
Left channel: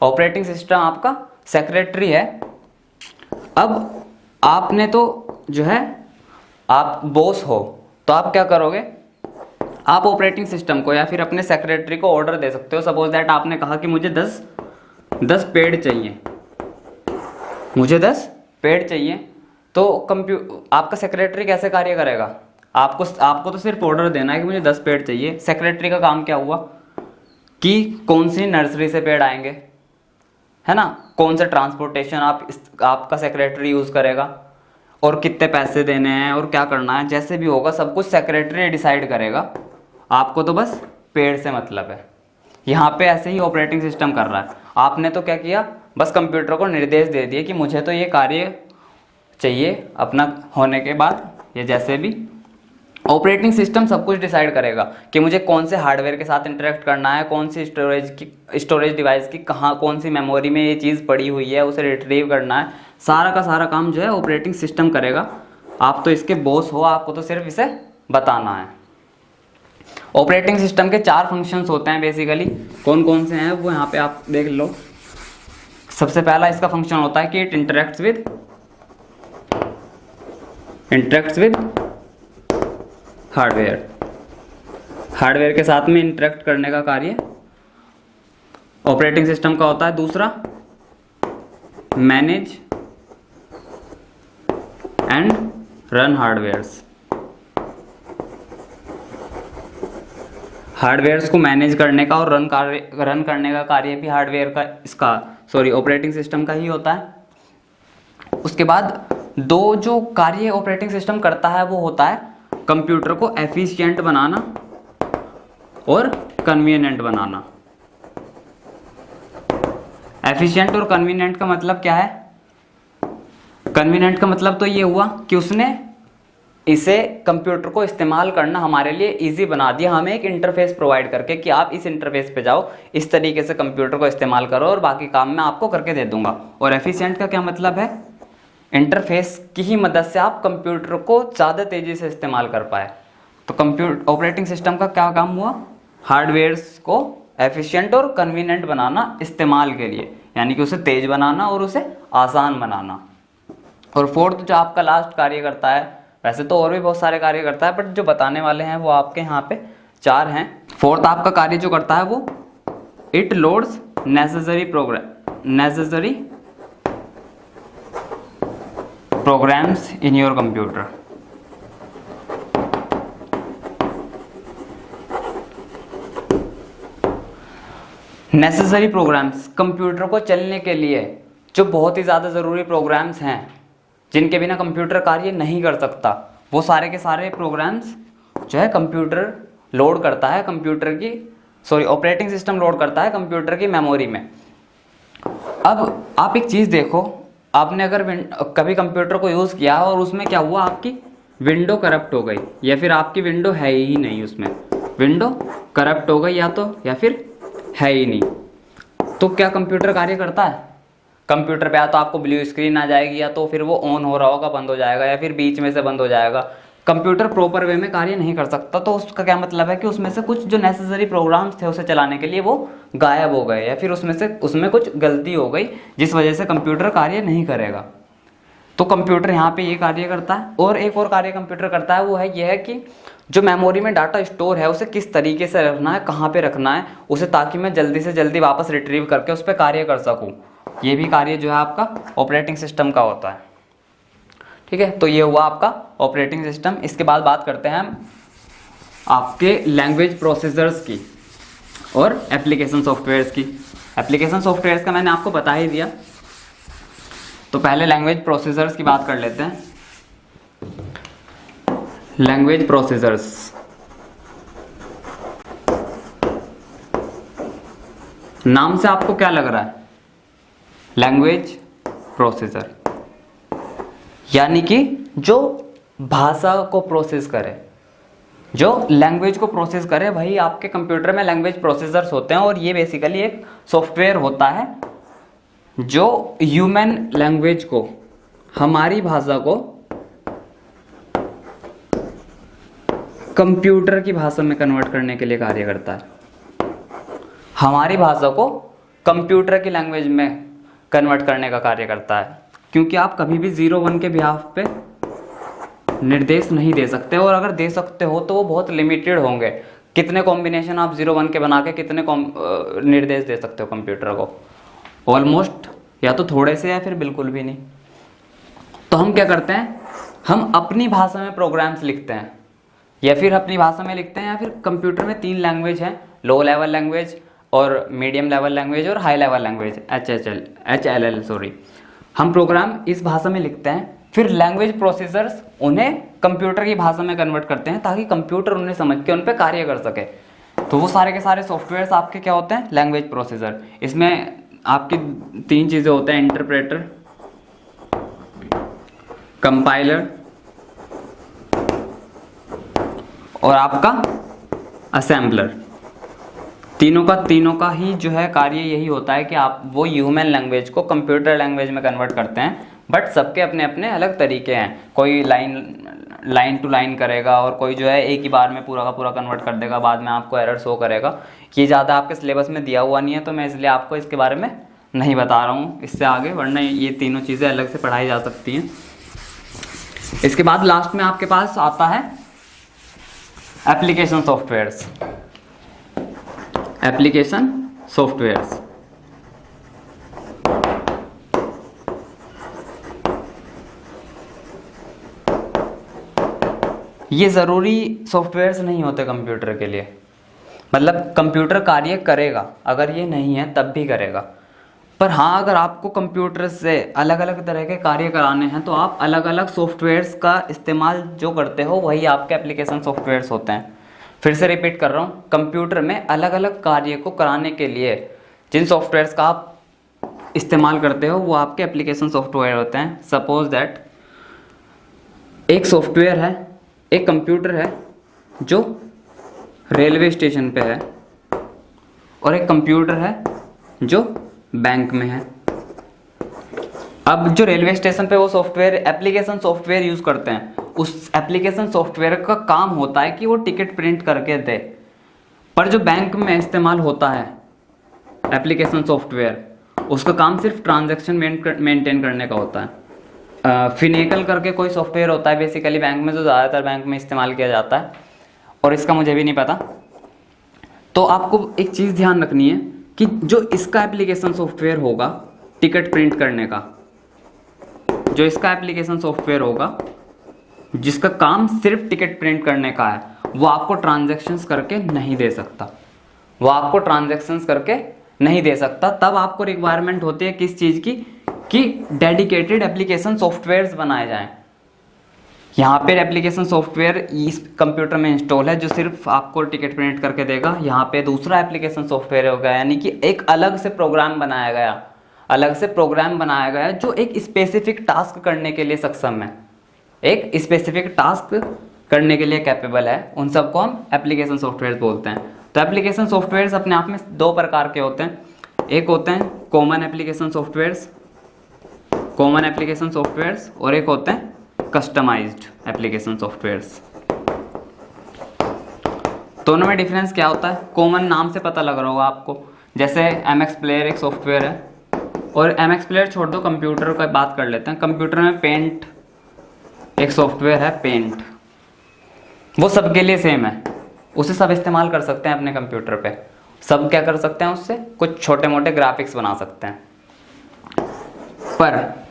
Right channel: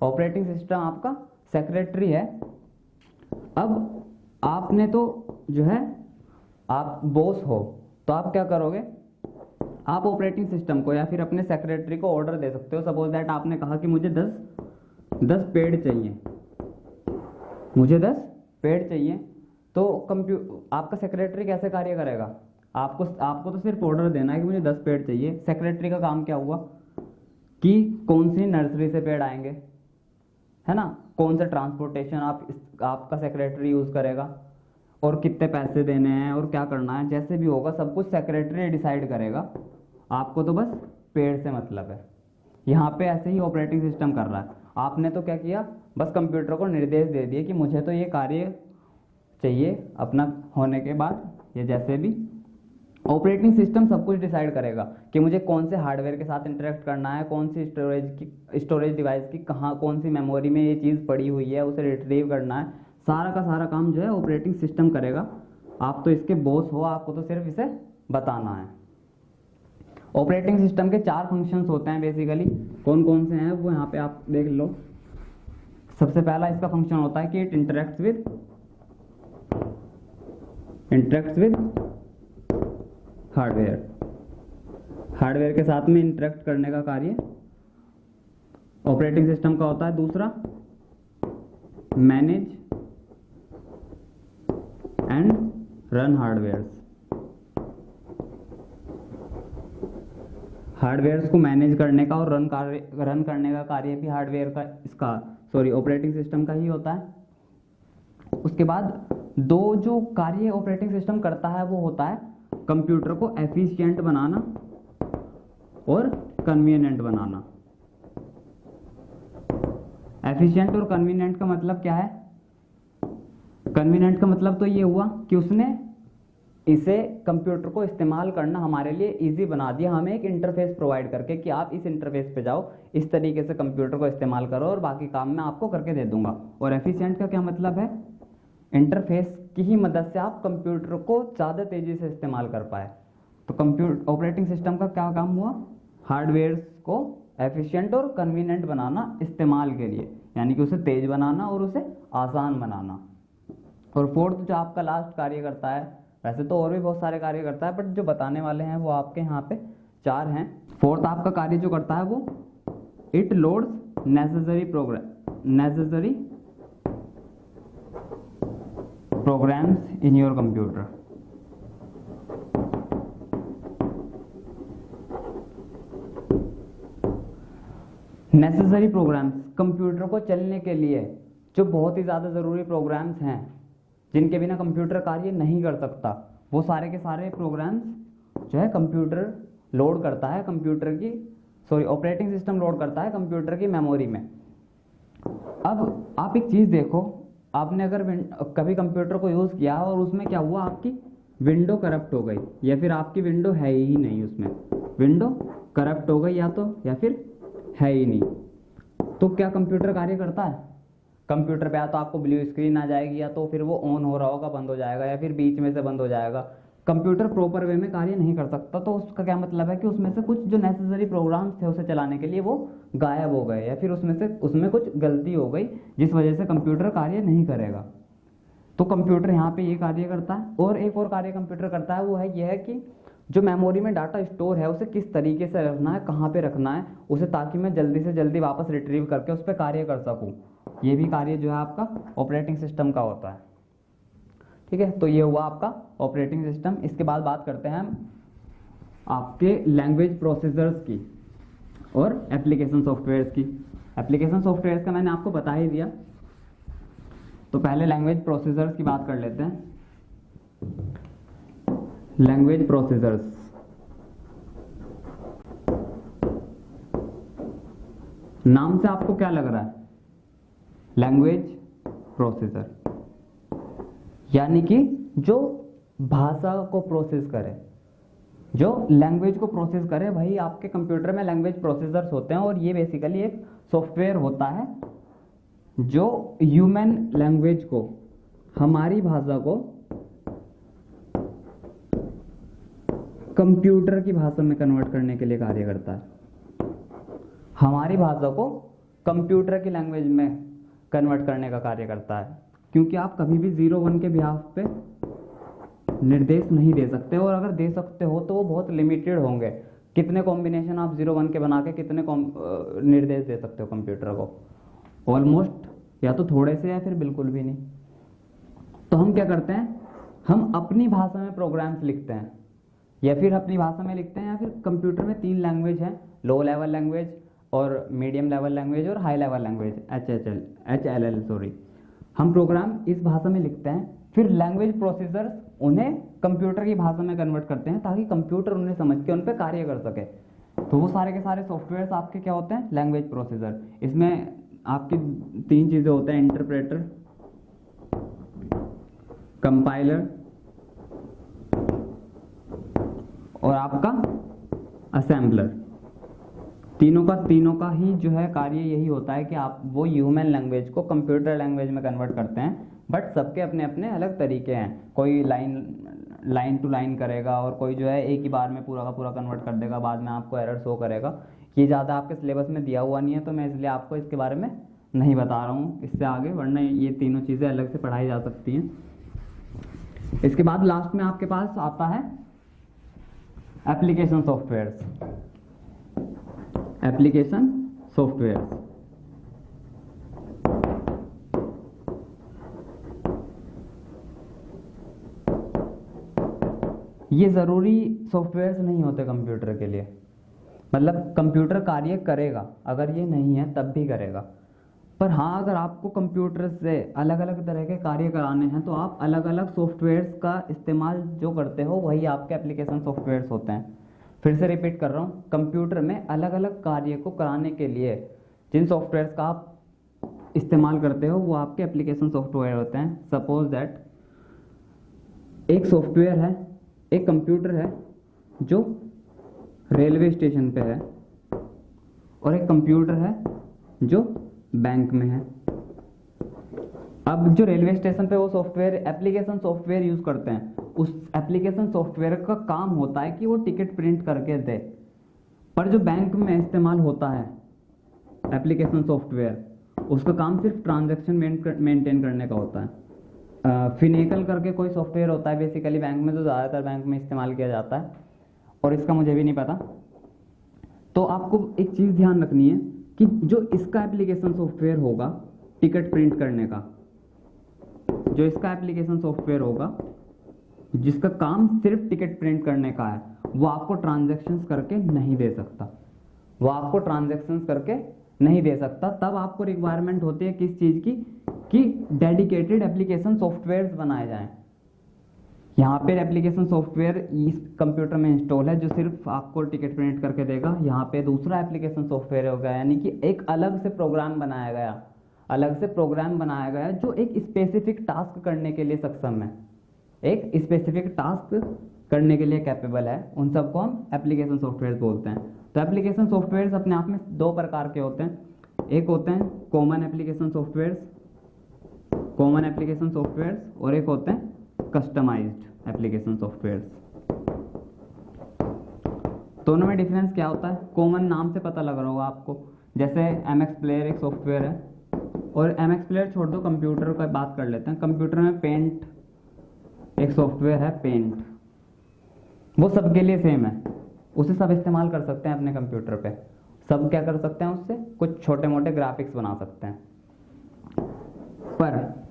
ऑपरेटिंग सिस्टम आपका सेक्रेटरी है। अब आपने तो जो है आप बॉस हो, तो आप क्या करोगे? आप ऑपरेटिंग सिस्टम को या फिर अपने सेक्रेटरी को ऑर्डर दे सकते हो। सपोज दैट आपने कहा कि मुझे 10 पेड़ चाहिए, मुझे 10 पेड़ चाहिए, तो आपका सेक्रेटरी कैसे कार्य करेगा? आपको तो सिर्फ ऑर्डर देना है कि मुझे 10 पेड़ चाहिए। सेक्रेटरी का काम क्या हुआ कि कौन सी नर्सरी से पेड़ आएंगे, है ना, कौन सा ट्रांसपोर्टेशन आपका सेक्रेटरी यूज़ करेगा और कितने पैसे देने हैं और क्या करना है, जैसे भी होगा सब कुछ सेक्रेटरी डिसाइड करेगा। आपको तो बस पेड़ से मतलब है। यहाँ पे ऐसे ही ऑपरेटिंग सिस्टम कर रहा है। आपने तो क्या किया, बस कंप्यूटर को निर्देश दे दिए कि मुझे तो ये कार्य चाहिए अपना होने के बाद, या जैसे भी। ऑपरेटिंग सिस्टम सब कुछ डिसाइड करेगा कि मुझे कौन से हार्डवेयर के साथ इंटरेक्ट करना है, कौन सी स्टोरेज डिवाइस की कहाँ कौन सी मेमोरी में ये चीज़ पड़ी हुई है, उसे रिट्रीव करना है। सारा का सारा काम जो है ऑपरेटिंग सिस्टम करेगा। आप तो इसके बॉस हो, आपको तो सिर्फ इसे बताना है। ऑपरेटिंग सिस्टम के 4 फंक्शंस होते हैं बेसिकली। कौन कौन से हैं वो यहाँ पे आप देख लो। सबसे पहला इसका फंक्शन होता है कि इट इंटरेक्ट्स विद हार्डवेयर के साथ में इंटरेक्ट करने का कार्य ऑपरेटिंग सिस्टम का होता है। दूसरा, मैनेज एंड रन हार्डवेयर्स को मैनेज करने का और रन करने का कार्य भी हार्डवेयर का ऑपरेटिंग सिस्टम का ही होता है। उसके बाद 2 जो कार्य ऑपरेटिंग सिस्टम करता है वो होता है कंप्यूटर को एफिशिएंट बनाना और कन्वीनियंट बनाना। एफिशिएंट और कन्वीनियंट का मतलब क्या है? कन्वीनियंट का मतलब तो ये हुआ कि उसने इसे कंप्यूटर को इस्तेमाल करना हमारे लिए इजी बना दिया, हमें एक इंटरफेस प्रोवाइड करके कि आप इस इंटरफेस पे जाओ, इस तरीके से कंप्यूटर को इस्तेमाल करो और बाकी काम मैं आपको करके दे दूंगा। और एफिशिएंट का क्या मतलब है? इंटरफेस की ही मदद से आप कंप्यूटर को ज़्यादा तेज़ी से इस्तेमाल कर पाए। तो ऑपरेटिंग सिस्टम का क्या काम हुआ? हार्डवेयर्स को एफिशिएंट और कन्वीनियंट बनाना इस्तेमाल के लिए, यानी कि उसे तेज़ बनाना और उसे आसान बनाना। और फोर्थ जो आपका लास्ट कार्य करता है, वैसे तो और भी बहुत सारे कार्य करता है बट जो बताने वाले हैं वो आपके यहाँ पे 4 हैं। फोर्थ आपका कार्य जो करता है वो it loads necessary programs in your computer. Necessary programs, computer को चलने के लिए जो बहुत ही ज़्यादा ज़रूरी प्रोग्राम्स हैं जिनके बिना कंप्यूटर कार्य नहीं कर सकता, वो सारे के सारे प्रोग्राम्स जो है कंप्यूटर लोड करता है ऑपरेटिंग सिस्टम लोड करता है कंप्यूटर की मेमोरी में। अब आप एक चीज़ देखो, आपने अगर कभी कंप्यूटर को यूज़ किया और उसमें क्या हुआ, आपकी विंडो करप्ट हो गई या फिर आपकी विंडो है ही नहीं, उसमें विंडो करप्ट हो गई या फिर है ही नहीं, तो क्या कंप्यूटर कार्य करता है? कंप्यूटर पे या तो आपको ब्लू स्क्रीन आ जाएगी या तो फिर वो ऑन हो रहा होगा, बंद हो जाएगा, या फिर बीच में से बंद हो जाएगा। कंप्यूटर प्रॉपर वे में कार्य नहीं कर सकता। तो उसका क्या मतलब है कि उसमें से कुछ जो नेसेसरी प्रोग्राम्स थे उसे चलाने के लिए वो गायब हो गए, या फिर उसमें कुछ गलती हो गई जिस वजह से कंप्यूटर कार्य नहीं करेगा। तो कंप्यूटर यहाँ पे ये कार्य करता है। और एक और कार्य कंप्यूटर करता है, वो है यह है कि जो मेमोरी में डाटा स्टोर है उसे किस तरीके से रखना है, कहाँ पे रखना है उसे, ताकि मैं जल्दी से जल्दी वापस रिट्रीव करके उस पर कार्य कर सकूँ। ये भी कार्य जो है आपका ऑपरेटिंग सिस्टम का होता है। ठीक है, तो ये हुआ आपका ऑपरेटिंग सिस्टम। इसके बाद बात करते हैं हम आपके लैंग्वेज प्रोसेसर्स की और एप्लीकेशन सॉफ्टवेयर्स की। एप्लीकेशन सॉफ्टवेयर्स का मैंने आपको बता ही दिया तो पहले लैंग्वेज प्रोसेसर्स की बात कर लेते हैं। लैंग्वेज प्रोसेसर्स, नाम से आपको क्या लग रहा है? लैंग्वेज प्रोसेसर, यानी कि जो भाषा को प्रोसेस करे, जो लैंग्वेज को प्रोसेस करे, भाई आपके कंप्यूटर में लैंग्वेज प्रोसेसर्स होते हैं। और ये बेसिकली एक सॉफ्टवेयर होता है जो ह्यूमन लैंग्वेज को, हमारी भाषा को कंप्यूटर की भाषा में कन्वर्ट करने के लिए कार्य करता है। हमारी भाषा को कंप्यूटर की लैंग्वेज में कन्वर्ट करने का कार्य करता है, क्योंकि आप कभी भी 0-1 के बिहाफ पे निर्देश नहीं दे सकते, और अगर दे सकते हो तो वो बहुत लिमिटेड होंगे। कितने कॉम्बिनेशन आप 0-1 के बना के कितने निर्देश दे सकते हो कंप्यूटर को? ऑलमोस्ट या तो थोड़े से या फिर बिल्कुल भी नहीं। तो हम क्या करते हैं, हम अपनी भाषा में प्रोग्राम्स लिखते हैं, या फिर अपनी भाषा में लिखते हैं, या फिर कंप्यूटर में 3 लैंग्वेज हैं, लो लेवल लैंग्वेज और मीडियम लेवल लैंग्वेज और high level language, HLL sorry. हम प्रोग्राम इस भाषा में लिखते हैं, फिर लैंग्वेज प्रोसेसर्स उन्हें कंप्यूटर की भाषा में कन्वर्ट करते हैं ताकि कंप्यूटर उन्हें समझ के उन पर कार्य कर सके। तो वो सारे के सारे सॉफ्टवेयर्स आपके क्या होते हैं? Language processor. इसमें आपकी 3 चीज़ें होते हैं, इंटरप्रेटर, कंपाइलर और आपका असेंबलर। तीनों का ही जो है कार्य यही होता है कि आप वो ह्यूमन लैंग्वेज को कंप्यूटर लैंग्वेज में कन्वर्ट करते हैं। बट सबके अपने अपने अलग तरीके हैं। कोई लाइन टू लाइन करेगा, और कोई जो है एक ही बार में पूरा का पूरा कन्वर्ट कर देगा, बाद में आपको एरर शो करेगा। ये ज़्यादा आपके सिलेबस में दिया हुआ नहीं है, तो मैं इसलिए आपको इसके बारे में नहीं बता रहा हूँ इससे आगे, वरना ये तीनों चीज़ें अलग से पढ़ाई जा सकती हैं। इसके बाद लास्ट में आपके पास आता है एप्लीकेशन सॉफ्टवेयर्स। एप्लीकेशन सॉफ्टवेयर्स, ये ज़रूरी सॉफ्टवेयर्स नहीं होते कंप्यूटर के लिए। मतलब कंप्यूटर कार्य करेगा, अगर ये नहीं है तब भी करेगा। पर हाँ, अगर आपको कंप्यूटर से अलग अलग तरह के कार्य कराने हैं तो आप अलग अलग सॉफ्टवेयर्स का इस्तेमाल जो करते हो वही आपके एप्लीकेशन सॉफ्टवेयर्स होते हैं। फिर से रिपीट कर रहा हूँ, कंप्यूटर में अलग अलग कार्य को कराने के लिए जिन सॉफ्टवेयर्स का आप इस्तेमाल करते हो वो आपके एप्लीकेशन सॉफ्टवेयर होते हैं। सपोज दैट एक सॉफ्टवेयर है, एक कंप्यूटर है जो रेलवे स्टेशन पे है, और एक कंप्यूटर है जो बैंक में है। अब जो रेलवे स्टेशन पे वो सॉफ्टवेयर एप्लीकेशन सॉफ्टवेयर यूज़ करते हैं, उस एप्लीकेशन सॉफ्टवेयर का काम होता है कि वो टिकट प्रिंट करके दे। पर जो बैंक में इस्तेमाल होता है एप्लीकेशन सॉफ्टवेयर, उसका काम सिर्फ ट्रांजैक्शन मेंटेन करने का होता है। फिनेकल करके कोई सॉफ्टवेयर होता है बेसिकली बैंक में, जो ज़्यादातर बैंक में इस्तेमाल किया जाता है, और इसका मुझे भी नहीं पता। तो आपको एक चीज़ ध्यान रखनी है कि जो इसका एप्लीकेशन सॉफ्टवेयर होगा टिकट प्रिंट करने का, जो इसका एप्लीकेशन सॉफ्टवेयर होगा जिसका काम सिर्फ टिकट प्रिंट करने का है, वो आपको ट्रांजैक्शंस करके नहीं दे सकता। वो आपको ट्रांजैक्शंस करके नहीं दे सकता। तब आपको रिक्वायरमेंट होती है किस चीज़ की, कि डेडिकेटेड एप्लीकेशन सॉफ्टवेयर्स बनाए जाएं। यहाँ पे एप्लीकेशन सॉफ्टवेयर इस कंप्यूटर में इंस्टॉल है जो सिर्फ आपको टिकट प्रिंट करके देगा। यहाँ पे दूसरा एप्लीकेशन सॉफ्टवेयर होगा, यानी कि एक अलग से प्रोग्राम बनाया गया जो एक स्पेसिफिक टास्क करने के लिए सक्षम है, एक स्पेसिफिक टास्क करने के लिए कैपेबल है। उन सबको हम एप्लीकेशन सॉफ्टवेयर बोलते हैं। तो एप्लीकेशन सॉफ्टवेयर्स अपने आप में 2 प्रकार के होते हैं। एक होते हैं कॉमन एप्लीकेशन सॉफ्टवेयर्स, और एक होते हैं कस्टमाइज्ड एप्लीकेशन सॉफ्टवेयर्स। दोनों में डिफरेंस क्या होता है? कॉमन नाम से पता लग रहा होगा आपको, जैसे MX प्लेयर एक सॉफ्टवेयर है, और MX प्लेयर छोड़ दो, कंप्यूटर का बात कर लेते हैं। कंप्यूटर में पेंट एक सॉफ्टवेयर है, पेंट, वो सबके लिए सेम है, उसे सब इस्तेमाल कर सकते हैं अपने कंप्यूटर पे। सब क्या कर सकते हैं उससे? कुछ छोटे मोटे ग्राफिक्स बना सकते हैं। पर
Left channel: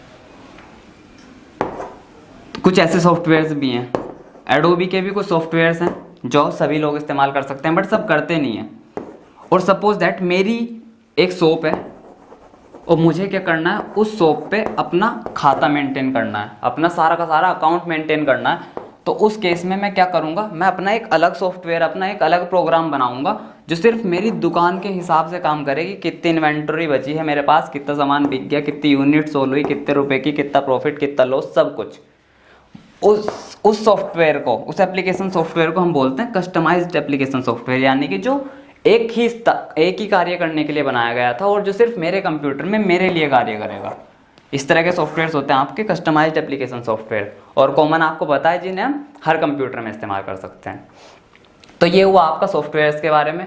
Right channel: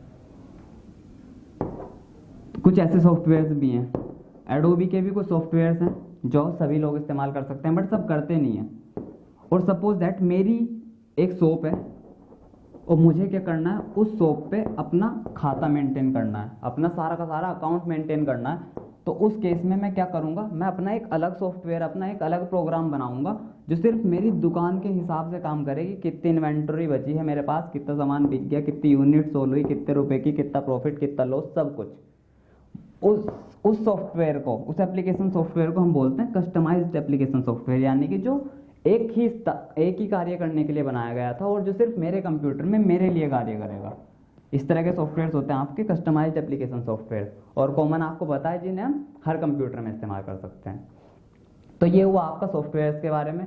कुछ ऐसे सॉफ्टवेयर्स भी हैं, एडोबी के भी कुछ सॉफ्टवेयर्स हैं जो सभी लोग इस्तेमाल कर सकते हैं, बट सब करते नहीं हैं। और सपोज दैट मेरी एक शॉप है और मुझे क्या करना है, उस शॉप पे अपना खाता मेंटेन करना है, अपना सारा का सारा अकाउंट मेंटेन करना है। तो उस केस में मैं क्या करूँगा, मैं अपना एक अलग सॉफ्टवेयर, अपना एक अलग प्रोग्राम बनाऊँगा जो सिर्फ मेरी दुकान के हिसाब से काम करेगी। कितनी इन्वेंटरी बची है मेरे पास, कितना सामान बिक गया, कितनी यूनिट सोल हुई, कितने रुपए की, कितना प्रॉफिट, कितना लॉस, सब कुछ उस सॉफ्टवेयर को, उस एप्लीकेशन सॉफ्टवेयर को हम बोलते हैं कस्टमाइज्ड एप्लीकेशन सॉफ्टवेयर, यानी कि जो एक ही कार्य करने के लिए बनाया गया था और जो सिर्फ मेरे कंप्यूटर में मेरे लिए कार्य करेगा। इस तरह के सॉफ्टवेयर्स होते हैं आपके कस्टमाइज्ड एप्लीकेशन सॉफ्टवेयर, और कॉमन आपको पता है जिन्हें हम हर कंप्यूटर में इस्तेमाल कर सकते हैं। तो ये हुआ आपका सॉफ्टवेयर्स के बारे में।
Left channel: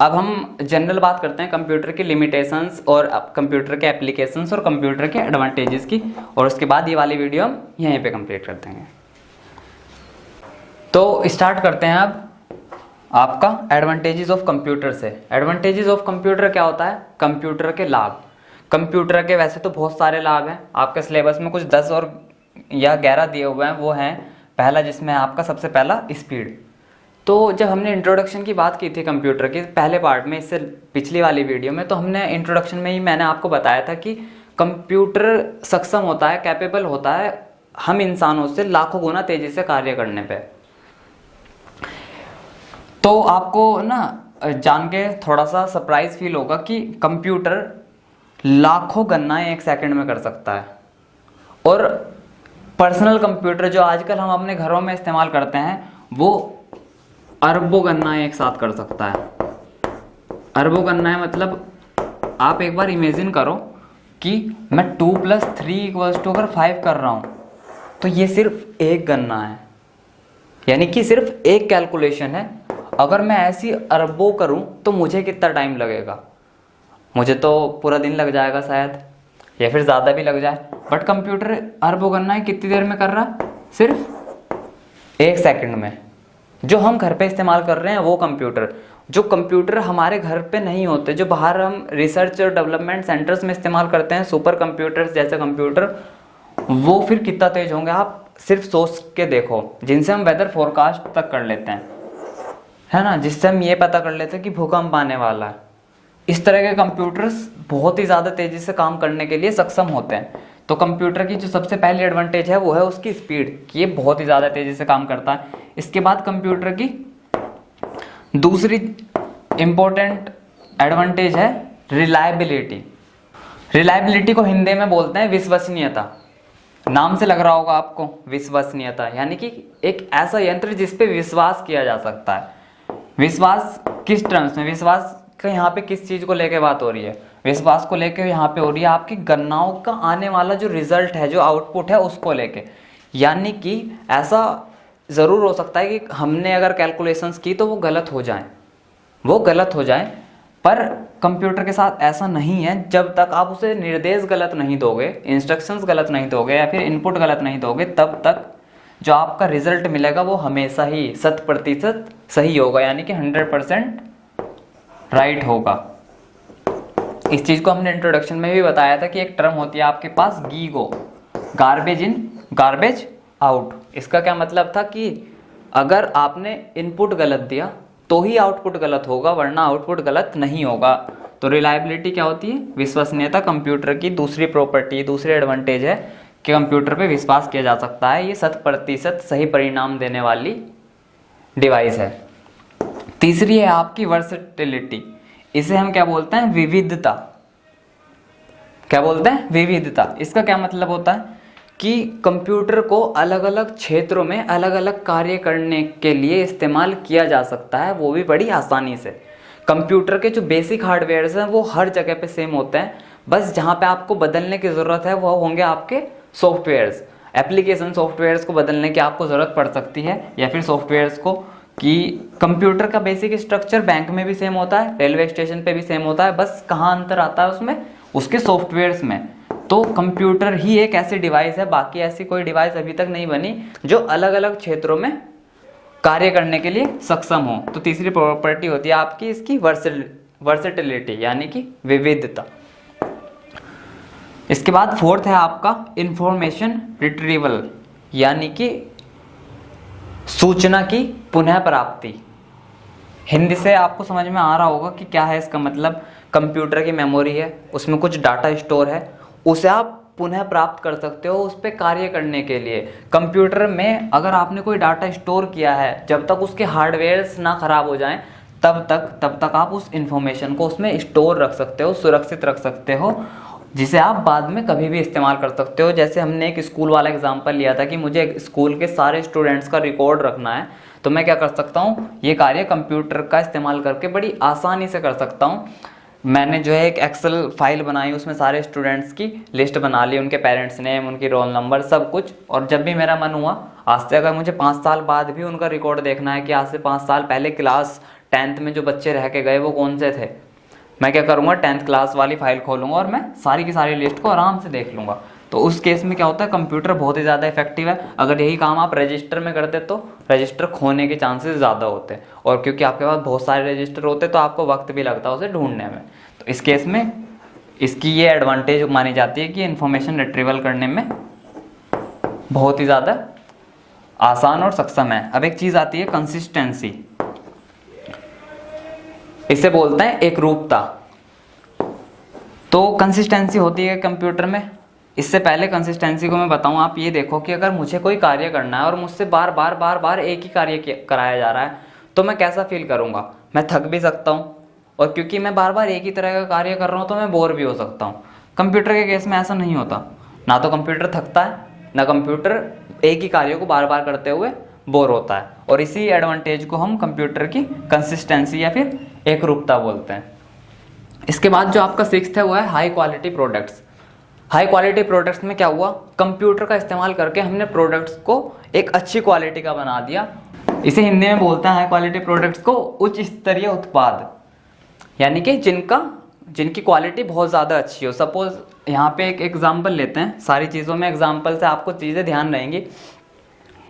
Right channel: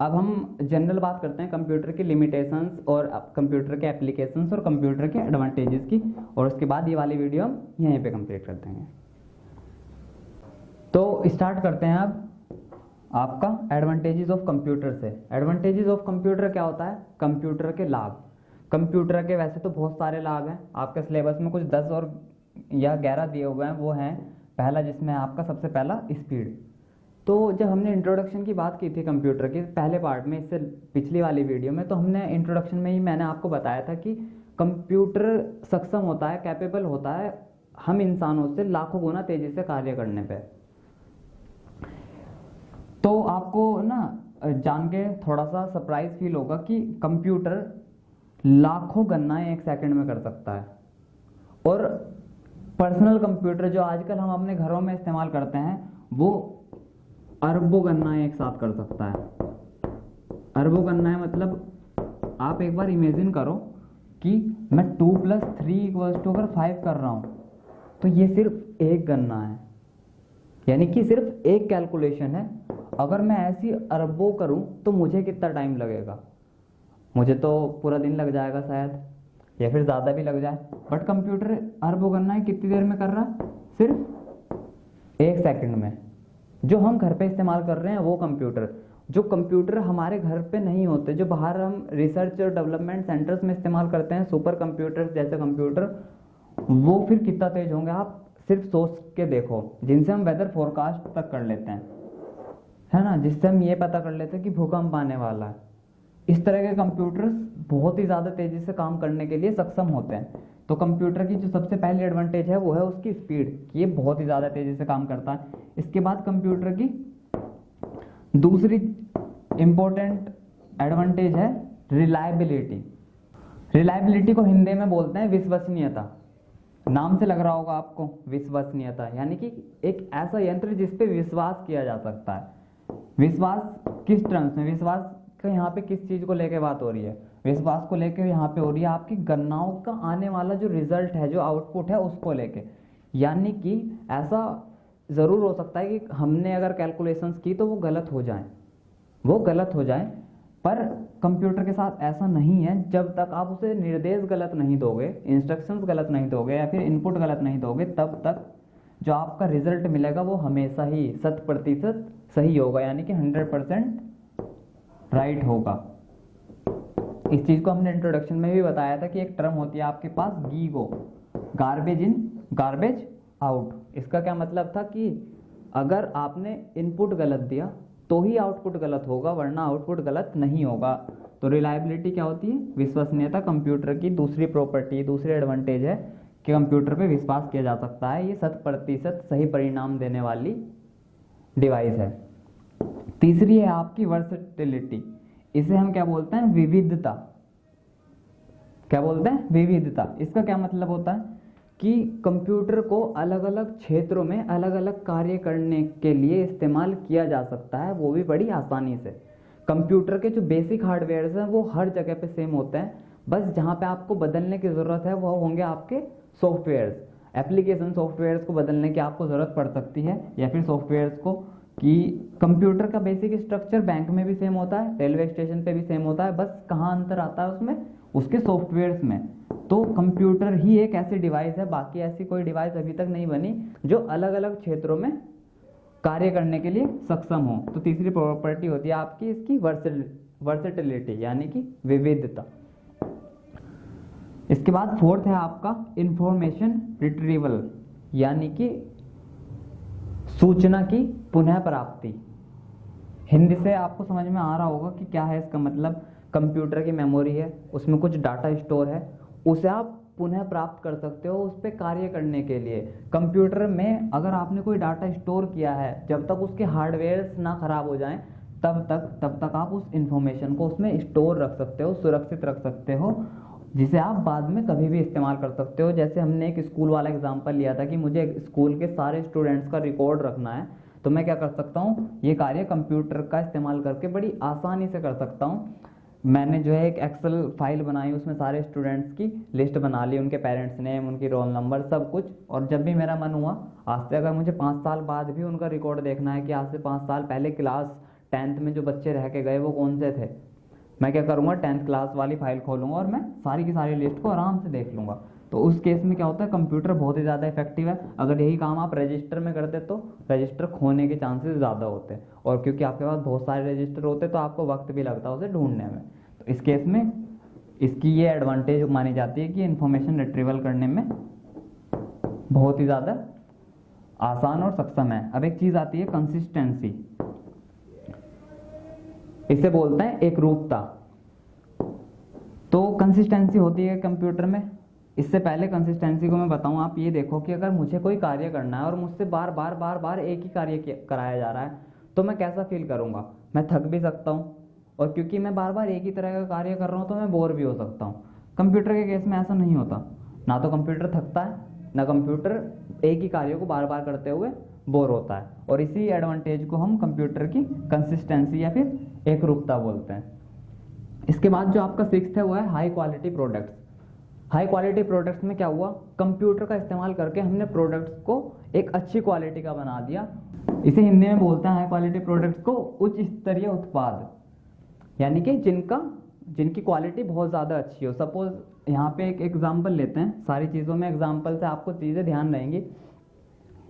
अब हम जनरल बात करते हैं कंप्यूटर की लिमिटेशंस और कंप्यूटर के एप्लीकेशंस और कंप्यूटर के एडवांटेजेस की, और उसके बाद ये वाली वीडियो हम यहीं पे कंप्लीट कर देंगे। तो स्टार्ट करते हैं अब आपका एडवांटेजेस ऑफ कंप्यूटर से। एडवांटेजेस ऑफ कंप्यूटर क्या होता है, कंप्यूटर के लाभ। कंप्यूटर के वैसे तो बहुत सारे लाभ हैं, आपके सिलेबस में कुछ 10 और या 11 दिए हुए हैं। वो हैं, पहला जिसमें आपका सबसे पहला स्पीड। तो जब हमने इंट्रोडक्शन की बात की थी कंप्यूटर के पहले पार्ट में, इससे पिछली वाली वीडियो में, तो हमने इंट्रोडक्शन में ही मैंने आपको बताया था कि कंप्यूटर सक्षम होता है, कैपेबल होता है हम इंसानों से लाखों गुना तेजी से कार्य करने पे। तो आपको ना जान के थोड़ा सा सरप्राइज फील होगा कि कंप्यूटर लाखों गणनाएं एक सेकंड में कर सकता है, और पर्सनल कंप्यूटर जो आजकल हम अपने घरों में इस्तेमाल करते हैं वो अरबों गणनाएं एक साथ कर सकता है। अरबों गणनाएं मतलब आप एक बार इमेजिन करो कि मैं 2 + 3 = अगर 5 कर रहा हूँ तो ये सिर्फ एक गणना है, यानी कि सिर्फ एक कैलकुलेशन है। अगर मैं ऐसी अरबों करूं तो मुझे कितना टाइम लगेगा, मुझे तो पूरा दिन लग जाएगा शायद, या फिर ज़्यादा भी लग जाए। बट कंप्यूटर अरबों गणनाएं कितनी देर में कर रहा है, सिर्फ 1 सेकंड में। जो हम घर पे इस्तेमाल कर रहे हैं वो कंप्यूटर, जो कंप्यूटर हमारे घर पे नहीं होते, जो बाहर हम रिसर्च और डेवलपमेंट सेंटर्स में इस्तेमाल करते हैं, सुपर कंप्यूटर्स जैसे कंप्यूटर, वो फिर कितना तेज होंगे आप सिर्फ सोच के देखो। जिनसे हम वेदर फोरकास्ट तक कर लेते हैं, है ना, जिससे हम ये पता कर लेते हैं कि भूकंप आने वाला है। इस तरह के कंप्यूटर्स बहुत ही ज़्यादा तेज़ी से काम करने के लिए सक्षम होते हैं। तो कंप्यूटर की जो सबसे पहली एडवांटेज है वो है उसकी स्पीड, कि ये बहुत ही ज़्यादा तेज़ी से काम करता है। इसके बाद कंप्यूटर की दूसरी इम्पोर्टेंट एडवांटेज है रिलायबिलिटी। रिलायबिलिटी को हिंदी में बोलते हैं विश्वसनीयता। नाम से लग रहा होगा आपको विश्वसनीयता, यानी कि एक ऐसा यंत्र जिस पे विश्वास किया जा सकता है। विश्वास किस टर्म्स में, विश्वास का यहाँ पे किस चीज़ को लेके बात हो रही है, विश्वास को लेके यहाँ पे हो रही है आपकी गणनाओं का आने वाला जो रिजल्ट है, जो आउटपुट है उसको लेके। यानी कि ऐसा ज़रूर हो सकता है कि हमने अगर कैलकुलेशंस की तो वो गलत हो जाए, पर कंप्यूटर के साथ ऐसा नहीं है। जब तक आप उसे निर्देश गलत नहीं दोगे, इंस्ट्रक्शंस गलत नहीं दोगे या फिर इनपुट गलत नहीं दोगे, तब तक जो आपका रिजल्ट मिलेगा वो हमेशा ही 100% सही होगा, यानी कि 100% राइट होगा। इस चीज़ को हमने इंट्रोडक्शन में भी बताया था कि एक टर्म होती है आपके पास GIGO, garbage in garbage out. इसका क्या मतलब था कि अगर आपने इनपुट गलत दिया तो ही आउटपुट गलत होगा, वरना आउटपुट गलत नहीं होगा। तो रिलायबिलिटी क्या होती है, विश्वसनीयता। कंप्यूटर की दूसरी प्रॉपर्टी, दूसरी एडवांटेज है कि कंप्यूटर पे विश्वास किया जा सकता है, ये 100% सही परिणाम देने वाली डिवाइस है। तीसरी है आपकी वर्सेटिलिटी। इसे हम क्या बोलते हैं, विविधता। क्या बोलते हैं, विविधता। इसका क्या मतलब होता है कि कंप्यूटर को अलग अलग क्षेत्रों में अलग अलग कार्य करने के लिए इस्तेमाल किया जा सकता है, वो भी बड़ी आसानी से। कंप्यूटर के जो बेसिक हार्डवेयर्स हैं वो हर जगह पे सेम होते हैं, बस जहाँ पे आपको बदलने की ज़रूरत है वो होंगे आपके सॉफ्टवेयर्स। एप्लीकेशन सॉफ्टवेयर्स को बदलने की आपको ज़रूरत पड़ सकती है, या फिर सॉफ्टवेयर्स को, कि कंप्यूटर का बेसिक स्ट्रक्चर बैंक में भी सेम होता है, रेलवे स्टेशन पे भी सेम होता है, बस कहाँ अंतर आता है उसमें, उसके सॉफ्टवेयर्स में। तो कंप्यूटर ही एक ऐसी डिवाइस है, बाकी ऐसी कोई डिवाइस अभी तक नहीं बनी जो अलग अलग क्षेत्रों में कार्य करने के लिए सक्षम हो। तो तीसरी प्रॉपर्टी होती है आपकी इसकी वर्सेटिलिटी, यानी कि विविधता। इसके बाद फोर्थ है आपका इंफॉर्मेशन रिट्रीवल, यानी कि सूचना की पुनः प्राप्ति। हिंदी से आपको समझ में आ रहा होगा कि क्या है इसका मतलब। कंप्यूटर की मेमोरी है, उसमें कुछ डाटा स्टोर है, उसे आप पुनः प्राप्त कर सकते हो उस पर कार्य करने के लिए। कंप्यूटर में अगर आपने कोई डाटा स्टोर किया है, जब तक उसके हार्डवेयर्स ना खराब हो जाएं तब तक आप उस इंफॉर्मेशन को उसमें स्टोर रख सकते हो, सुरक्षित रख सकते हो, जिसे आप बाद में कभी भी इस्तेमाल कर सकते हो। जैसे हमने एक स्कूल वाला एग्जांपल लिया था कि मुझे स्कूल के सारे स्टूडेंट्स का रिकॉर्ड रखना है, तो मैं क्या कर सकता हूँ, ये कार्य कंप्यूटर का इस्तेमाल करके बड़ी आसानी से कर सकता हूँ। मैंने जो है एक एक्सेल फाइल बनाई, उसमें सारे स्टूडेंट्स की लिस्ट बना ली, उनके पेरेंट्स नेम, उनकी रोल नंबर, सब कुछ। और जब भी मेरा मन हुआ, आज से अगर मुझे 5 साल बाद भी उनका रिकॉर्ड देखना है कि आज से 5 साल पहले क्लास 10th में जो बच्चे रह के गए वो कौन से थे, मैं क्या करूँगा, 10th क्लास वाली फाइल खोलूँगा और मैं सारी की सारी लिस्ट को आराम से देख लूँगा। तो उस केस में क्या होता है, कंप्यूटर बहुत ही ज़्यादा इफेक्टिव है। अगर यही काम आप रजिस्टर में करते तो रजिस्टर खोने के चांसेस ज़्यादा होते हैं, और क्योंकि आपके पास बहुत सारे रजिस्टर होते तो आपको वक्त भी लगता है उसे ढूंढने में। तो इस केस में इसकी ये एडवांटेज मानी जाती है कि इन्फॉर्मेशन रिट्रीवल करने में बहुत ही ज़्यादा आसान और सक्षम है। अब एक चीज़ आती है कंसिस्टेंसी, इसे बोलते हैं एकरूपता। तो कंसिस्टेंसी होती है कंप्यूटर में। इससे पहले कंसिस्टेंसी को मैं बताऊं, आप ये देखो कि अगर मुझे कोई कार्य करना है और मुझसे बार बार एक ही कार्य कराया जा रहा है, तो मैं कैसा फील करूंगा, मैं थक भी सकता हूं, और क्योंकि मैं बार बार एक ही तरह का कार्य कर रहा हूं तो मैं बोर भी हो सकता हूं। कंप्यूटर के केस में ऐसा नहीं होता, ना तो कंप्यूटर थकता है, ना कंप्यूटर एक ही कार्य को बार बार करते हुए बोर होता है। और इसी एडवांटेज को हम कंप्यूटर की कंसिस्टेंसी या फिर एकरूपता बोलते हैं। इसके बाद जो आपका 6th है वो है high quality products. High quality products में क्या हुआ, कंप्यूटर का इस्तेमाल करके हमने प्रोडक्ट्स को एक अच्छी क्वालिटी का बना दिया। इसे हिंदी में बोलते हैं हाई क्वालिटी प्रोडक्ट्स को उच्च स्तरीय उत्पाद, यानी कि जिनकी क्वालिटी बहुत ज़्यादा अच्छी हो। सपोज यहाँ पे एक एग्जाम्पल लेते हैं, सारी चीज़ों में एग्जाम्पल से आपको चीज़ें ध्यान रहेंगी।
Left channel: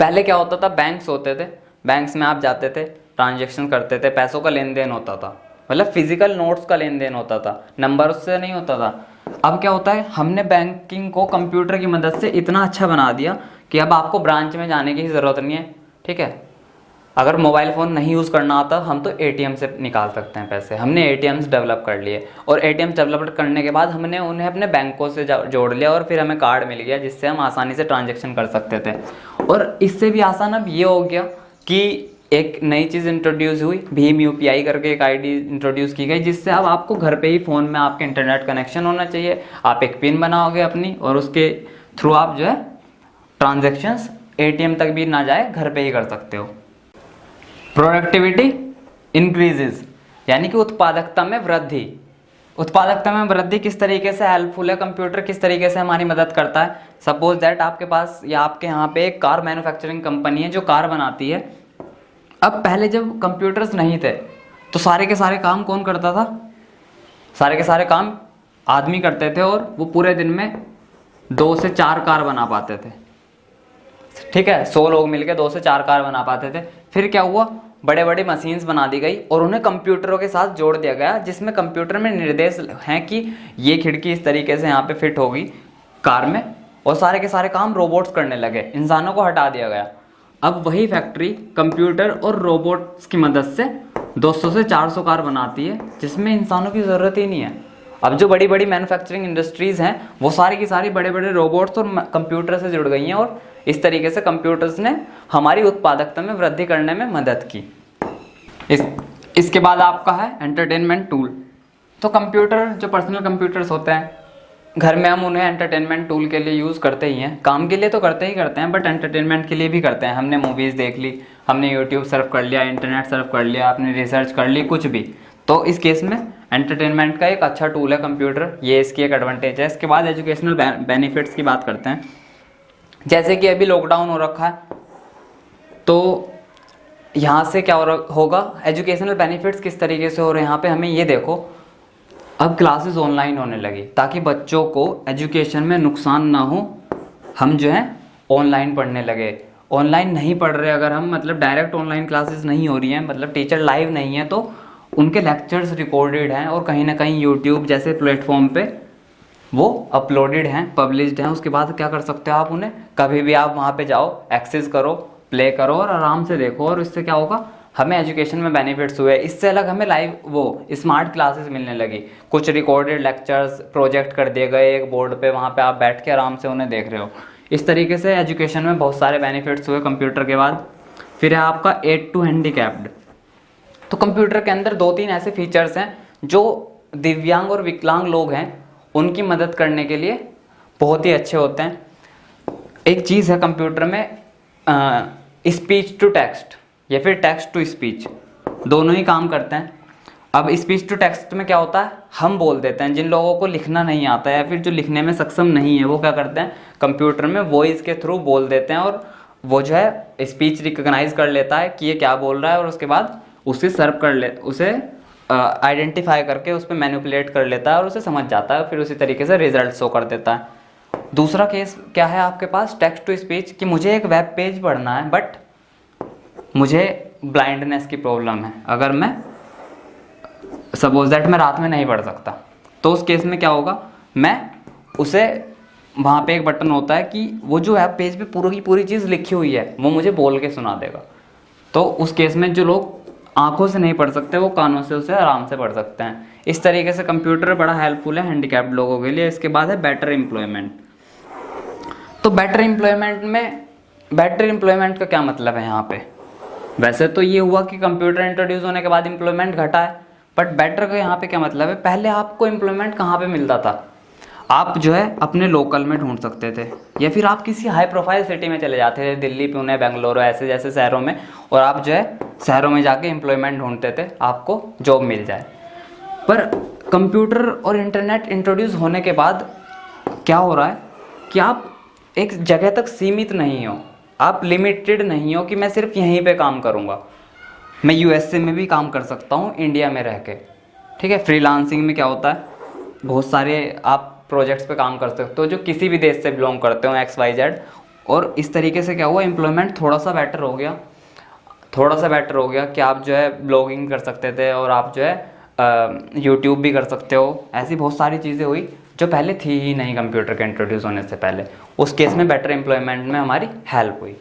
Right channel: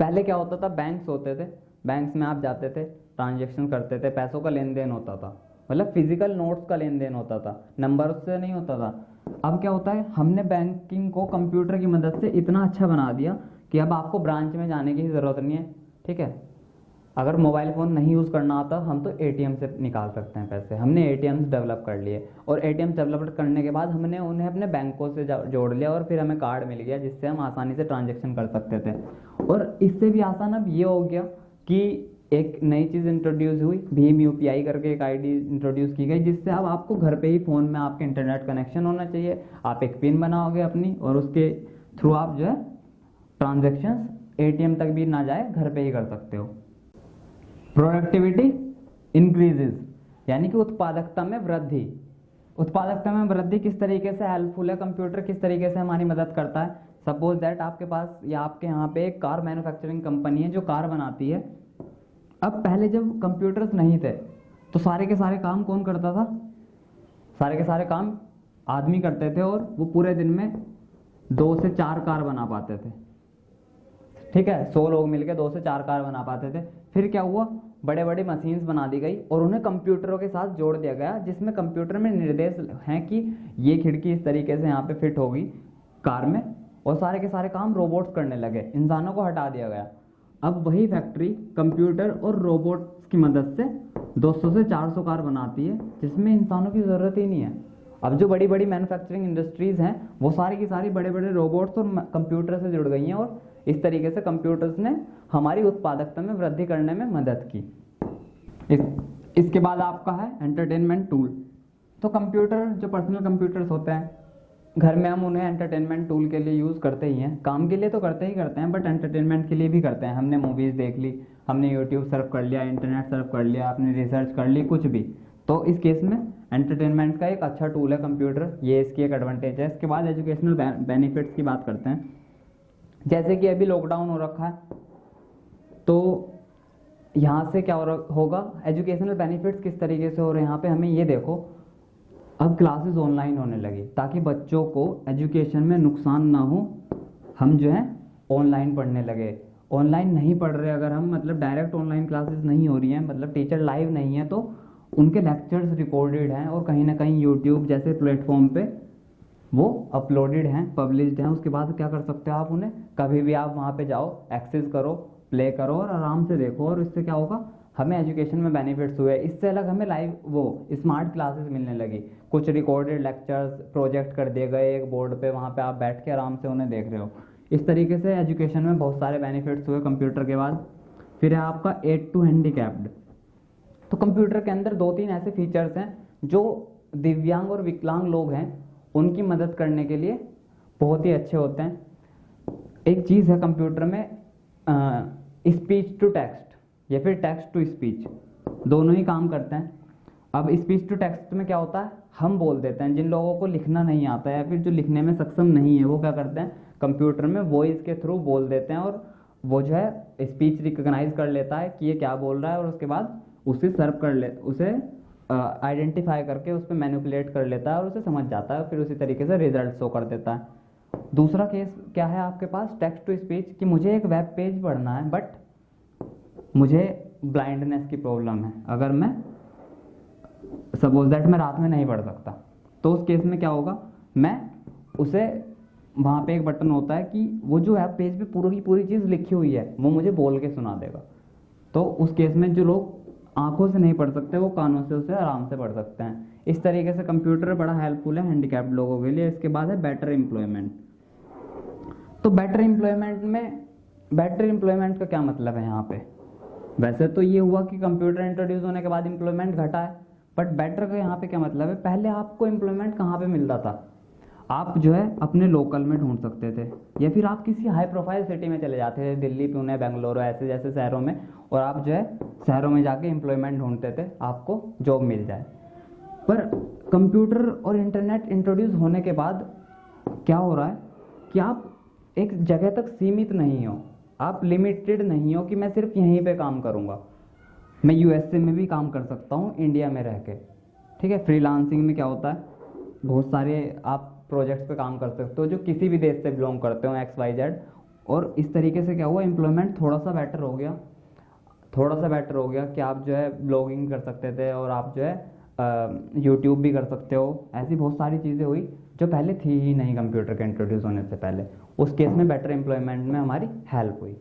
पहले क्या होता था, बैंक्स होते थे, बैंक्स में आप जाते थे, ट्रांजेक्शन करते थे, पैसों का लेन देन होता था, मतलब फिजिकल नोट्स का लेन देन होता था, नंबर से नहीं होता था। अब क्या होता है, हमने बैंकिंग को कंप्यूटर की मदद से इतना अच्छा बना दिया कि अब आपको ब्रांच में जाने की ज़रूरत नहीं है। ठीक है, अगर मोबाइल फ़ोन नहीं यूज़ करना आता, हम तो एटीएम से निकाल सकते हैं पैसे। हमने एटीएम्स डेवलप कर लिए, और एटीएम डेवलप करने के बाद हमने उन्हें अपने बैंकों से जोड़ लिया, और फिर हमें कार्ड मिल गया जिससे हम आसानी से ट्रांजैक्शन कर सकते थे। और इससे भी आसान अब ये हो गया कि एक नई चीज़ इंट्रोड्यूस हुई, भीम यूपीआई करके एक आईडी इंट्रोड्यूस की गई, जिससे अब आपको घर पे ही फ़ोन में आपके इंटरनेट कनेक्शन होना चाहिए, आप एक पिन बनाओगे अपनी, और उसके थ्रू आप जो है ट्रांजैक्शंस एटीएम तक भी ना जाए, घर पे ही कर सकते हो। प्रोडक्टिविटी इंक्रीजेज, यानी कि उत्पादकता में वृद्धि। उत्पादकता में वृद्धि किस तरीके से हेल्पफुल है, कंप्यूटर किस तरीके से हमारी मदद करता है। सपोज दैट आपके पास या आपके यहाँ पे एक कार मैन्युफैक्चरिंग कंपनी है जो कार बनाती है। अब पहले जब कंप्यूटर्स नहीं थे तो सारे के सारे काम कौन करता था, सारे के सारे काम आदमी करते थे, और वो पूरे दिन में 2 से 4 कार बना पाते थे। ठीक है, 100 लोग मिलकर 2 से 4 कार बना पाते थे। फिर क्या हुआ, बड़े बड़े मशीन्स बना दी गई और उन्हें कंप्यूटरों के साथ जोड़ दिया गया, जिसमें कंप्यूटर में निर्देश हैं कि ये खिड़की इस तरीके से यहाँ पे फिट होगी कार में, और सारे के सारे काम रोबोट्स करने लगे, इंसानों को हटा दिया गया। अब वही फैक्ट्री कंप्यूटर और रोबोट्स की मदद से 200 से 400 कार बनाती है, जिसमें इंसानों की ज़रूरत ही नहीं है। अब जो बड़ी बड़ी मैन्युफैक्चरिंग इंडस्ट्रीज़ हैं वो सारी की सारी बड़े बड़े रोबोट्स और कंप्यूटर से जुड़ गई हैं, और इस तरीके से कंप्यूटर्स ने हमारी उत्पादकता में वृद्धि करने में मदद की। इसके बाद आपका है एंटरटेनमेंट टूल। तो कंप्यूटर, जो पर्सनल कंप्यूटर्स होते हैं, घर में हम उन्हें एंटरटेनमेंट टूल के लिए यूज़ करते ही हैं। काम के लिए तो करते ही करते हैं, बट एंटरटेनमेंट के लिए भी करते हैं। हमने मूवीज़ देख ली, हमने यूट्यूब सर्फ कर लिया, इंटरनेट सर्फ कर लिया, आपने रिसर्च कर ली, कुछ भी। तो इस केस में एंटरटेनमेंट का एक अच्छा टूल है कंप्यूटर, ये इसकी एक एडवांटेज है। इसके बाद एजुकेशनल बेनिफिट्स की बात करते हैं। जैसे कि अभी लॉकडाउन हो रखा है, तो यहाँ से क्या होगा, एजुकेशनल बेनिफिट्स किस तरीके से हो रहे हैं यहाँ पे हमें ये देखो। अब क्लासेस ऑनलाइन होने लगी ताकि बच्चों को एजुकेशन में नुकसान ना हो, हम जो है ऑनलाइन पढ़ने लगे। ऑनलाइन नहीं पढ़ रहे अगर हम, मतलब डायरेक्ट ऑनलाइन क्लासेस नहीं हो रही हैं, मतलब टीचर लाइव नहीं है, तो उनके लेक्चर्स रिकॉर्डेड हैं और कहीं ना कहीं यूट्यूब जैसे प्लेटफॉर्म पे वो अपलोडेड हैं, पब्लिश्ड हैं। उसके बाद क्या कर सकते हो आप, उन्हें कभी भी आप वहाँ पे जाओ, एक्सेस करो, प्ले करो और आराम से देखो। और इससे क्या होगा, हमें एजुकेशन में बेनिफिट्स हुए। इससे अलग हमें लाइव वो स्मार्ट क्लासेस मिलने लगी, कुछ रिकॉर्डेड लेक्चर्स प्रोजेक्ट कर दिए गए एक बोर्ड पे, वहाँ पे आप बैठ के आराम से उन्हें देख रहे हो। इस तरीके से एजुकेशन में बहुत सारे बेनिफिट्स हुए कंप्यूटर के बाद। फिर है आपका एड टू हैंडीकैप्ड। तो कंप्यूटर के अंदर 2-3 ऐसे फीचर्स हैं जो दिव्यांग और विकलांग लोग हैं उनकी मदद करने के लिए बहुत ही अच्छे होते हैं। एक चीज़ है कंप्यूटर में स्पीच टू टेक्स्ट या फिर टेक्स्ट टू स्पीच, दोनों ही काम करते हैं। अब स्पीच टू टेक्स्ट में क्या होता है, हम बोल देते हैं, जिन लोगों को लिखना नहीं आता है या फिर जो लिखने में सक्षम नहीं है वो क्या करते हैं, कंप्यूटर में वॉइस के थ्रू बोल देते हैं और वो जो है स्पीच रिकॉग्नाइज कर लेता है कि ये क्या बोल रहा है और उसके बाद उसे सर्व कर ले, उसे आइडेंटिफाई करके उस पर मैनिपुलेट कर लेता है और उसे समझ जाता है, फिर उसी तरीके से रिजल्ट शो कर देता है। दूसरा केस क्या है आपके पास, टेक्स्ट टू स्पीच, कि मुझे एक वेब पेज पढ़ना है बट मुझे ब्लाइंडनेस की प्रॉब्लम है, अगर मैं सपोज दैट मैं रात में नहीं पढ़ सकता, तो उस केस में क्या होगा, मैं उसे वहाँ पे एक बटन होता है कि वो जो वेब पेज पे पूरी की पूरी चीज़ लिखी हुई है वो मुझे बोल के सुना देगा। तो उस केस में जो लोग आंखों से नहीं पढ़ सकते वो कानों से उसे आराम से पढ़ सकते हैं। इस तरीके से कंप्यूटर बड़ा हेल्पफुल है हैंडीकैप्ड लोगों के लिए। इसके बाद है बेटर एम्प्लॉयमेंट। तो बेटर एम्प्लॉयमेंट का क्या मतलब है यहाँ पे, वैसे तो ये हुआ कि कंप्यूटर इंट्रोड्यूस होने के बाद एम्प्लॉयमेंट घटा है, बट बेटर का यहाँ पे क्या मतलब है, पहले आपको एम्प्लॉयमेंट कहाँ पे मिलता था, आप जो है अपने लोकल में ढूंढ सकते थे या फिर आप किसी हाई प्रोफाइल सिटी में चले जाते थे, दिल्ली पुणे बेंगलुरु ऐसे जैसे शहरों में, और आप जो है शहरों में जाके एम्प्लॉयमेंट ढूंढते थे, आपको जॉब मिल जाए। पर कंप्यूटर और इंटरनेट इंट्रोड्यूस होने के बाद क्या हो रहा है कि आप एक जगह तक सीमित नहीं हो, आप लिमिटेड नहीं हो कि मैं सिर्फ यहीं पे काम करूँगा, मैं यूएसए में भी काम कर सकता हूँ इंडिया में रह के। ठीक है, फ्रीलांसिंग में क्या होता है, बहुत सारे आप प्रोजेक्ट्स पे काम कर सकते हो जो किसी भी देश से बिलोंग करते हो, XYZ, और इस तरीके से क्या हुआ, एम्प्लॉयमेंट थोड़ा सा बेटर हो गया कि आप जो है ब्लॉगिंग कर सकते थे और आप जो है यूट्यूब भी कर सकते हो। ऐसी बहुत सारी चीज़ें हुई जो पहले थी ही नहीं कंप्यूटर के इंट्रोड्यूस होने से पहले। उस केस में बेटर एम्प्लॉयमेंट में हमारी हेल्प हुई।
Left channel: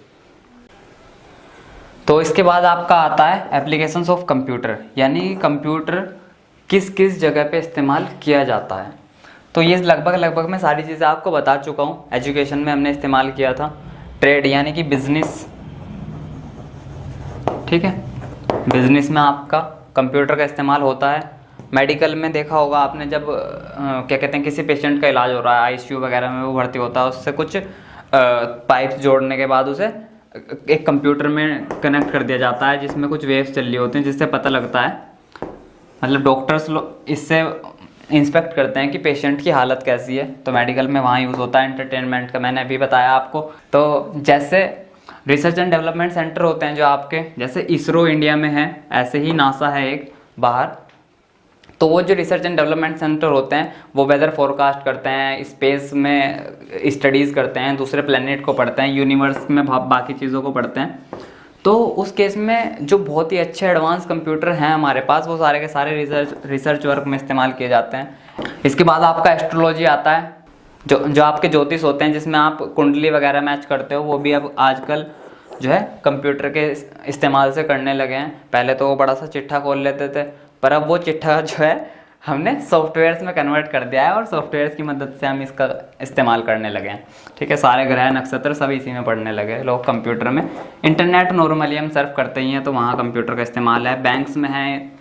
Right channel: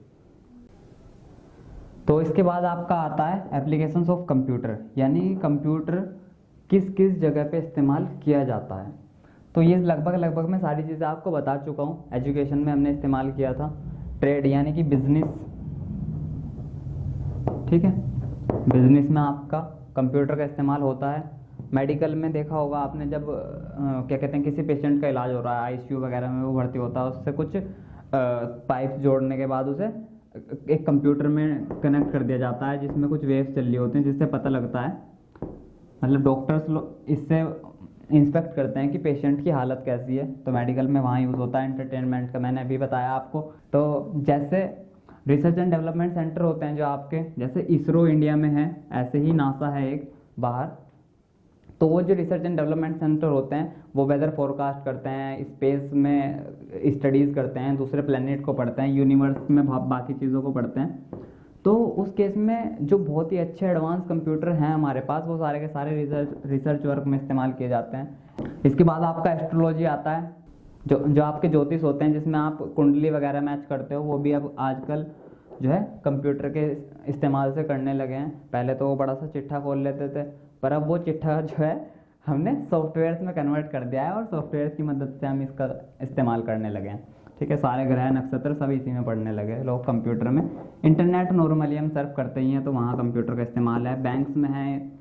तो इसके बाद आपका आता है एप्लीकेशंस ऑफ कंप्यूटर, यानी कंप्यूटर किस किस जगह पे इस्तेमाल किया जाता है। तो ये लगभग मैं सारी चीज़ें आपको बता चुका हूँ। एजुकेशन में हमने इस्तेमाल किया था, ट्रेड यानी कि बिजनेस, ठीक है, बिजनेस में आपका कंप्यूटर का इस्तेमाल होता है। मेडिकल में देखा होगा आपने, जब क्या कहते हैं किसी पेशेंट का इलाज हो रहा है, ICU वगैरह में वो भर्ती होता है, उससे कुछ पाइप्स जोड़ने के बाद उसे एक कंप्यूटर में कनेक्ट कर दिया जाता है जिसमें कुछ वेव्स चल रही होती हैं, जिससे पता लगता है, मतलब डॉक्टर्स इससे इंस्पेक्ट करते हैं कि पेशेंट की हालत कैसी है। तो मेडिकल में वहाँ यूज़ होता है। एंटरटेनमेंट का मैंने अभी बताया आपको। तो जैसे रिसर्च एंड डेवलपमेंट सेंटर होते हैं जो आपके, जैसे इसरो इंडिया में है, ऐसे ही नासा है एक बाहर। तो वो जो रिसर्च एंड डेवलपमेंट सेंटर होते हैं वो वेदर फोरकास्ट करते हैं, स्पेस में स्टडीज़ करते हैं, दूसरे प्लेनेट को पढ़ते हैं, यूनिवर्स में बाकी चीज़ों को पढ़ते हैं। तो उस केस में जो बहुत ही अच्छे एडवांस कंप्यूटर हैं हमारे पास, वो सारे के सारे रिसर्च वर्क में इस्तेमाल किए जाते हैं। इसके बाद आपका एस्ट्रोलॉजी आता है, जो आपके ज्योतिष होते हैं, जिसमें आप कुंडली वगैरह मैच करते हो, वो भी अब आजकल जो है कंप्यूटर के इस्तेमाल से करने लगे हैं। पहले तो वो बड़ा सा चिट्ठा खोल लेते थे, पर अब वो चिट्ठा जो है हमने सॉफ्टवेयर्स में कन्वर्ट कर दिया है और सॉफ्टवेयर्स की मदद से हम इसका इस्तेमाल करने लगे हैं। ठीक है, सारे ग्रह नक्षत्र सब इसी में पढ़ने लगे लोग कंप्यूटर में। इंटरनेट नॉर्मली हम सर्फ करते ही हैं, तो वहाँ कंप्यूटर का इस्तेमाल है। बैंक्स में है,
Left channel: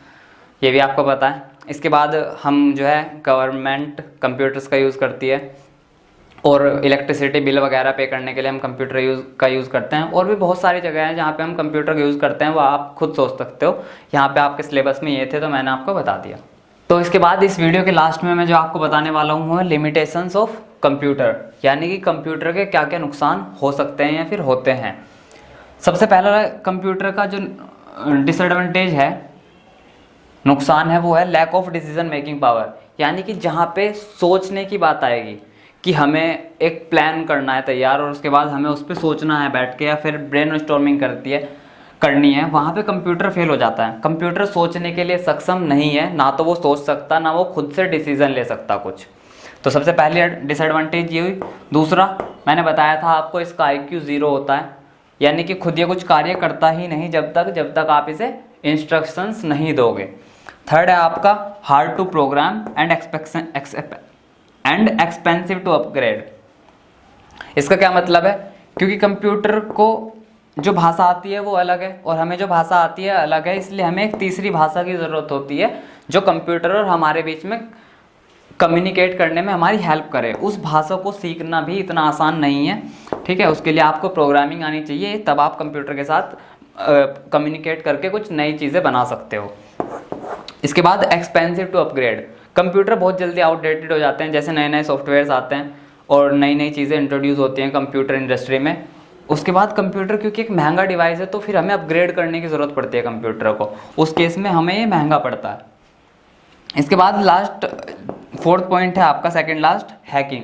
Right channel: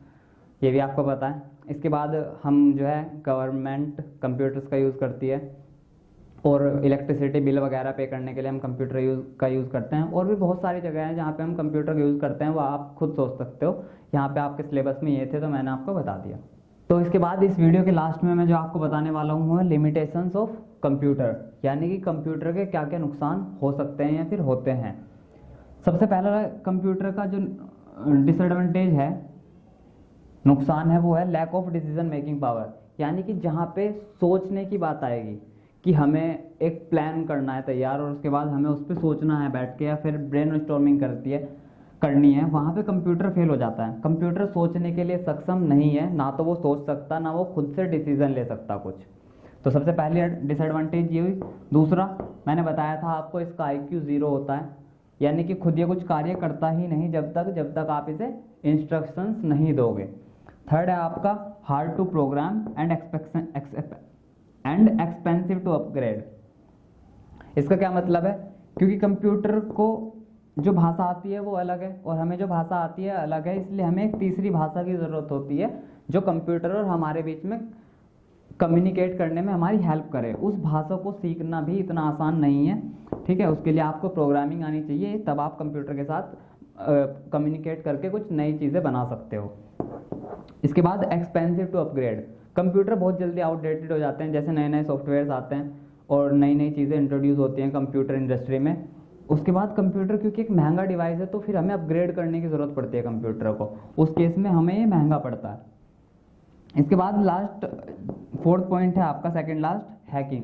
ये भी आपको पता है। इसके बाद हम जो है गवर्नमेंट कंप्यूटर्स का यूज़ करती है, और इलेक्ट्रिसिटी बिल वगैरह पे करने के लिए हम कंप्यूटर का यूज़ करते हैं। और भी बहुत सारी जगह हैं जहाँ पे हम कंप्यूटर का यूज़ करते हैं, वो आप खुद सोच सकते हो। यहाँ पे आपके सिलेबस में ये थे तो मैंने आपको बता दिया। तो इसके बाद इस वीडियो के लास्ट में मैं जो आपको बताने वाला हूँ वो है लिमिटेशंस ऑफ कंप्यूटर, यानी कि कंप्यूटर के क्या क्या नुकसान हो सकते हैं या फिर होते हैं। सबसे पहला कंप्यूटर का जो डिसएडवांटेज है, नुकसान है, वो है lack of decision making power. यानी कि जहाँ पे सोचने की बात आएगी कि हमें एक प्लान करना है तैयार, और उसके बाद हमें उस पर सोचना है बैठ के, या फिर ब्रेन स्टॉर्मिंग करनी है, वहाँ पे कंप्यूटर फेल हो जाता है। कंप्यूटर सोचने के लिए सक्षम नहीं है, ना तो वो सोच सकता, ना वो खुद से डिसीजन ले सकता कुछ। तो सबसे पहले डिसएडवांटेज ये हुई। दूसरा, मैंने बताया था आपको, इसका IQ 0 होता है, यानी कि खुद ये कुछ कार्य करता ही नहीं जब तक आप इसे इंस्ट्रक्शंस नहीं दोगे। थर्ड है आपका hard to program and expensive to upgrade. इसका क्या मतलब है, क्योंकि कंप्यूटर को जो भाषा आती है वो अलग है और हमें जो भाषा आती है अलग है, इसलिए हमें एक तीसरी भाषा की ज़रूरत होती है जो कंप्यूटर और हमारे बीच में कम्युनिकेट करने में हमारी हेल्प करे। उस भाषा को सीखना भी इतना आसान नहीं है, ठीक है। उसके लिए आपको प्रोग्रामिंग आनी चाहिए, तब आप कंप्यूटर के साथ कम्युनिकेट करके कुछ नई चीज़ें बना सकते हो। इसके बाद एक्सपेंसिव टू अपग्रेड। कंप्यूटर बहुत जल्दी आउटडेटेड हो जाते हैं, जैसे नए नए सॉफ्टवेयर्स आते हैं और नई नई चीज़ें इंट्रोड्यूस होती हैं कंप्यूटर इंडस्ट्री में। उसके बाद कंप्यूटर क्योंकि एक महंगा डिवाइस है तो फिर हमें अपग्रेड करने की ज़रूरत पड़ती है कंप्यूटर को, उस केस में हमें ये महंगा पड़ता है। इसके बाद लास्ट फोर्थ पॉइंट है आपका सेकंड लास्ट, हैकिंग।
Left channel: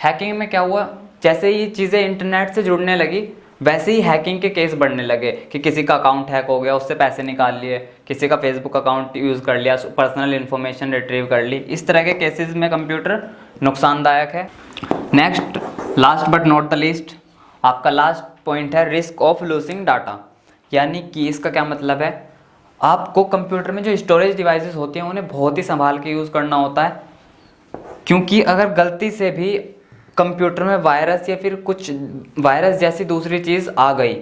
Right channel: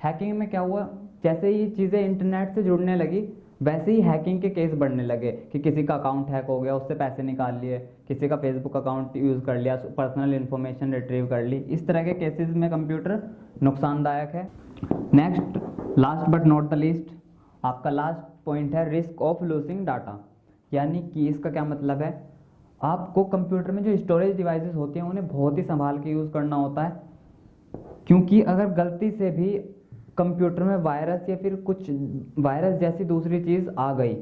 हैकिंग में क्या हुआ, जैसे ही चीज़ें इंटरनेट से जुड़ने लगी वैसे ही हैकिंग के केस बढ़ने लगे कि किसी का अकाउंट हैक हो गया, उससे पैसे निकाल लिए, किसी का फेसबुक अकाउंट यूज़ कर लिया, पर्सनल इन्फॉर्मेशन रिट्रीव कर ली। इस तरह के केसेस में कंप्यूटर नुकसानदायक है। Next last but not the least, आपका लास्ट पॉइंट है रिस्क ऑफ लूजिंग डाटा। यानी कि इसका क्या मतलब है, आपको कंप्यूटर में जो स्टोरेज डिवाइसेस होती हैं उन्हें बहुत ही संभाल के यूज़ करना होता है, क्योंकि अगर गलती से भी कंप्यूटर में वायरस या फिर कुछ वायरस जैसी दूसरी चीज़ आ गई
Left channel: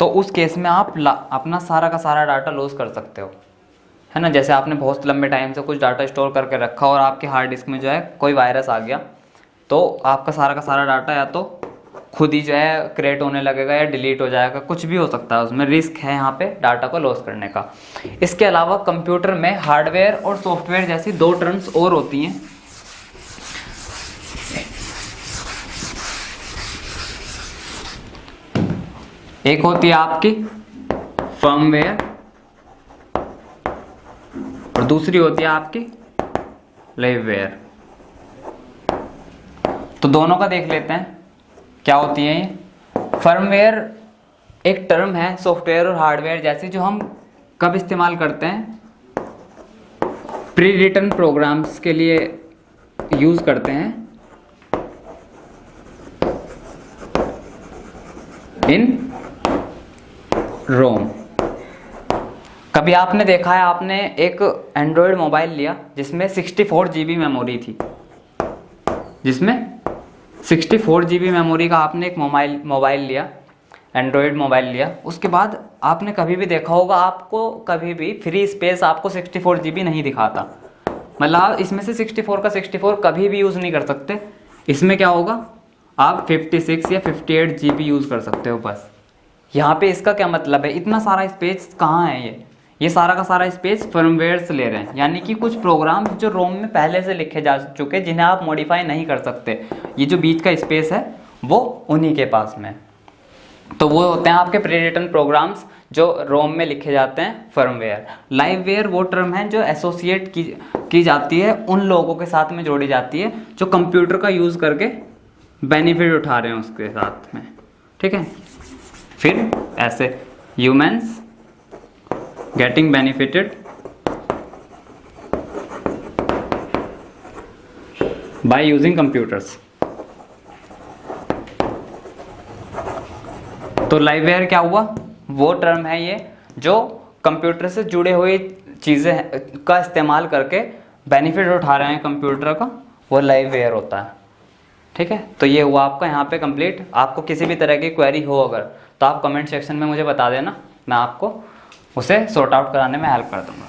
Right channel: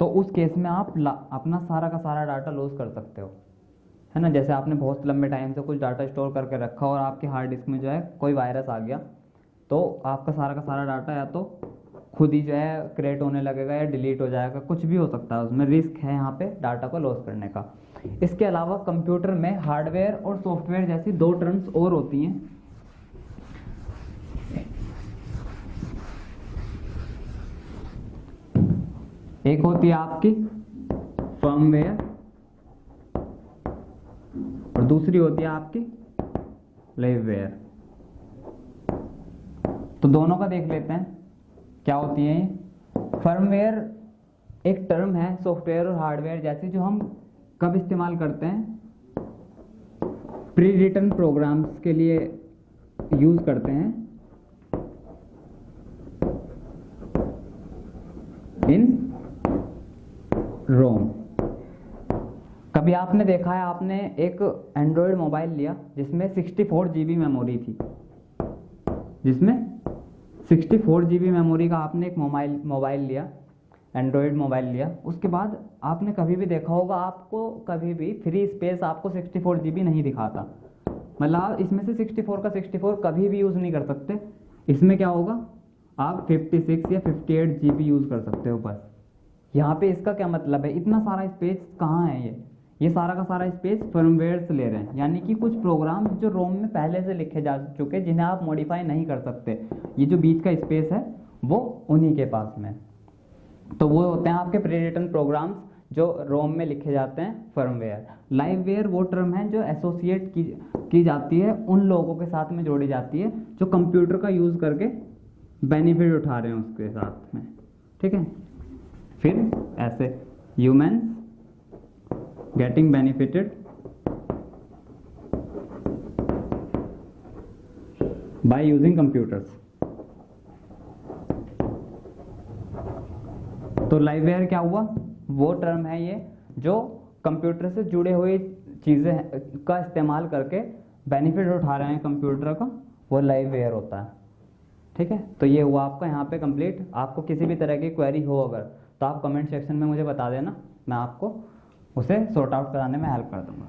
तो उस केस में आप अपना सारा का सारा डाटा लॉस कर सकते हो, है ना। जैसे आपने बहुत लंबे टाइम से कुछ डाटा स्टोर करके रखा और आपके हार्ड डिस्क में जो है कोई वायरस आ गया तो आपका सारा का सारा डाटा या तो खुद ही जो है क्रिएट होने लगेगा या डिलीट हो जाएगा, कुछ भी हो सकता है। उसमें रिस्क है यहाँ पे डाटा को लॉस करने का। इसके अलावा कंप्यूटर में हार्डवेयर और सॉफ्टवेयर जैसी दो टर्म्स और होती हैं। एक होती है आपकी फर्मवेयर और दूसरी होती है आपकी लाइववेयर। तो दोनों का देख लेते हैं क्या होती है ये। फर्मवेयर एक टर्म है सॉफ्टवेयर और हार्डवेयर जैसी जो हम कब इस्तेमाल करते हैं, प्री रिटन प्रोग्राम्स के लिए यूज़ करते हैं इन रोम। कभी आपने देखा है, आपने एक एंड्रॉयड मोबाइल लिया जिसमें 64 GB मेमोरी थी, जिसमें 64 GB मेमोरी का आपने एक मोबाइल लिया, एंड्रॉयड मोबाइल लिया। उसके बाद आपने कभी भी देखा होगा, आपको कभी भी फ्री स्पेस आपको 64 GB नहीं दिखाता। मतलब आप इसमें से 64 का 64 कभी भी यूज़ नहीं कर सकते। इसमें क्या होगा, आप 56 या 58 GB यूज़ कर सकते हो बस। यहाँ पे इसका क्या मतलब है, इतना सारा स्पेस कहाँ है, ये सारा का सारा स्पेस फर्मवेयर से ले रहे हैं। यानी कि कुछ प्रोग्राम जो रोम में पहले से लिखे जा चुके जिन्हें आप मॉडिफाई नहीं कर सकते, ये जो बीच का स्पेस है वो उन्हीं के पास में। तो वो होते हैं आपके प्री रिटन प्रोग्राम्स जो रोम में लिखे जाते हैं, फर्मवेयर। लाइववेयर वो टर्म है जो एसोसिएट की जाती है, उन लोगों के साथ में जोड़ी जाती है जो कंप्यूटर का यूज़ करके बेनिफिट उठा रहे हैं उसके साथ में, ठीक है। फिर ऐसे humans getting benefited by using computers. तो लाइववेयर क्या हुआ, वो टर्म है ये जो कंप्यूटर से जुड़े हुए चीज़ें का इस्तेमाल करके बेनिफिट उठा रहे हैं कंप्यूटर का, वो लाइववेयर होता है, ठीक है। तो ये हुआ आपका यहाँ पे कंप्लीट। आपको किसी भी तरह की क्वेरी हो अगर तो आप कमेंट सेक्शन में मुझे बता देना, मैं आपको उसे सॉर्ट आउट कराने में हेल्प कर दूँगा।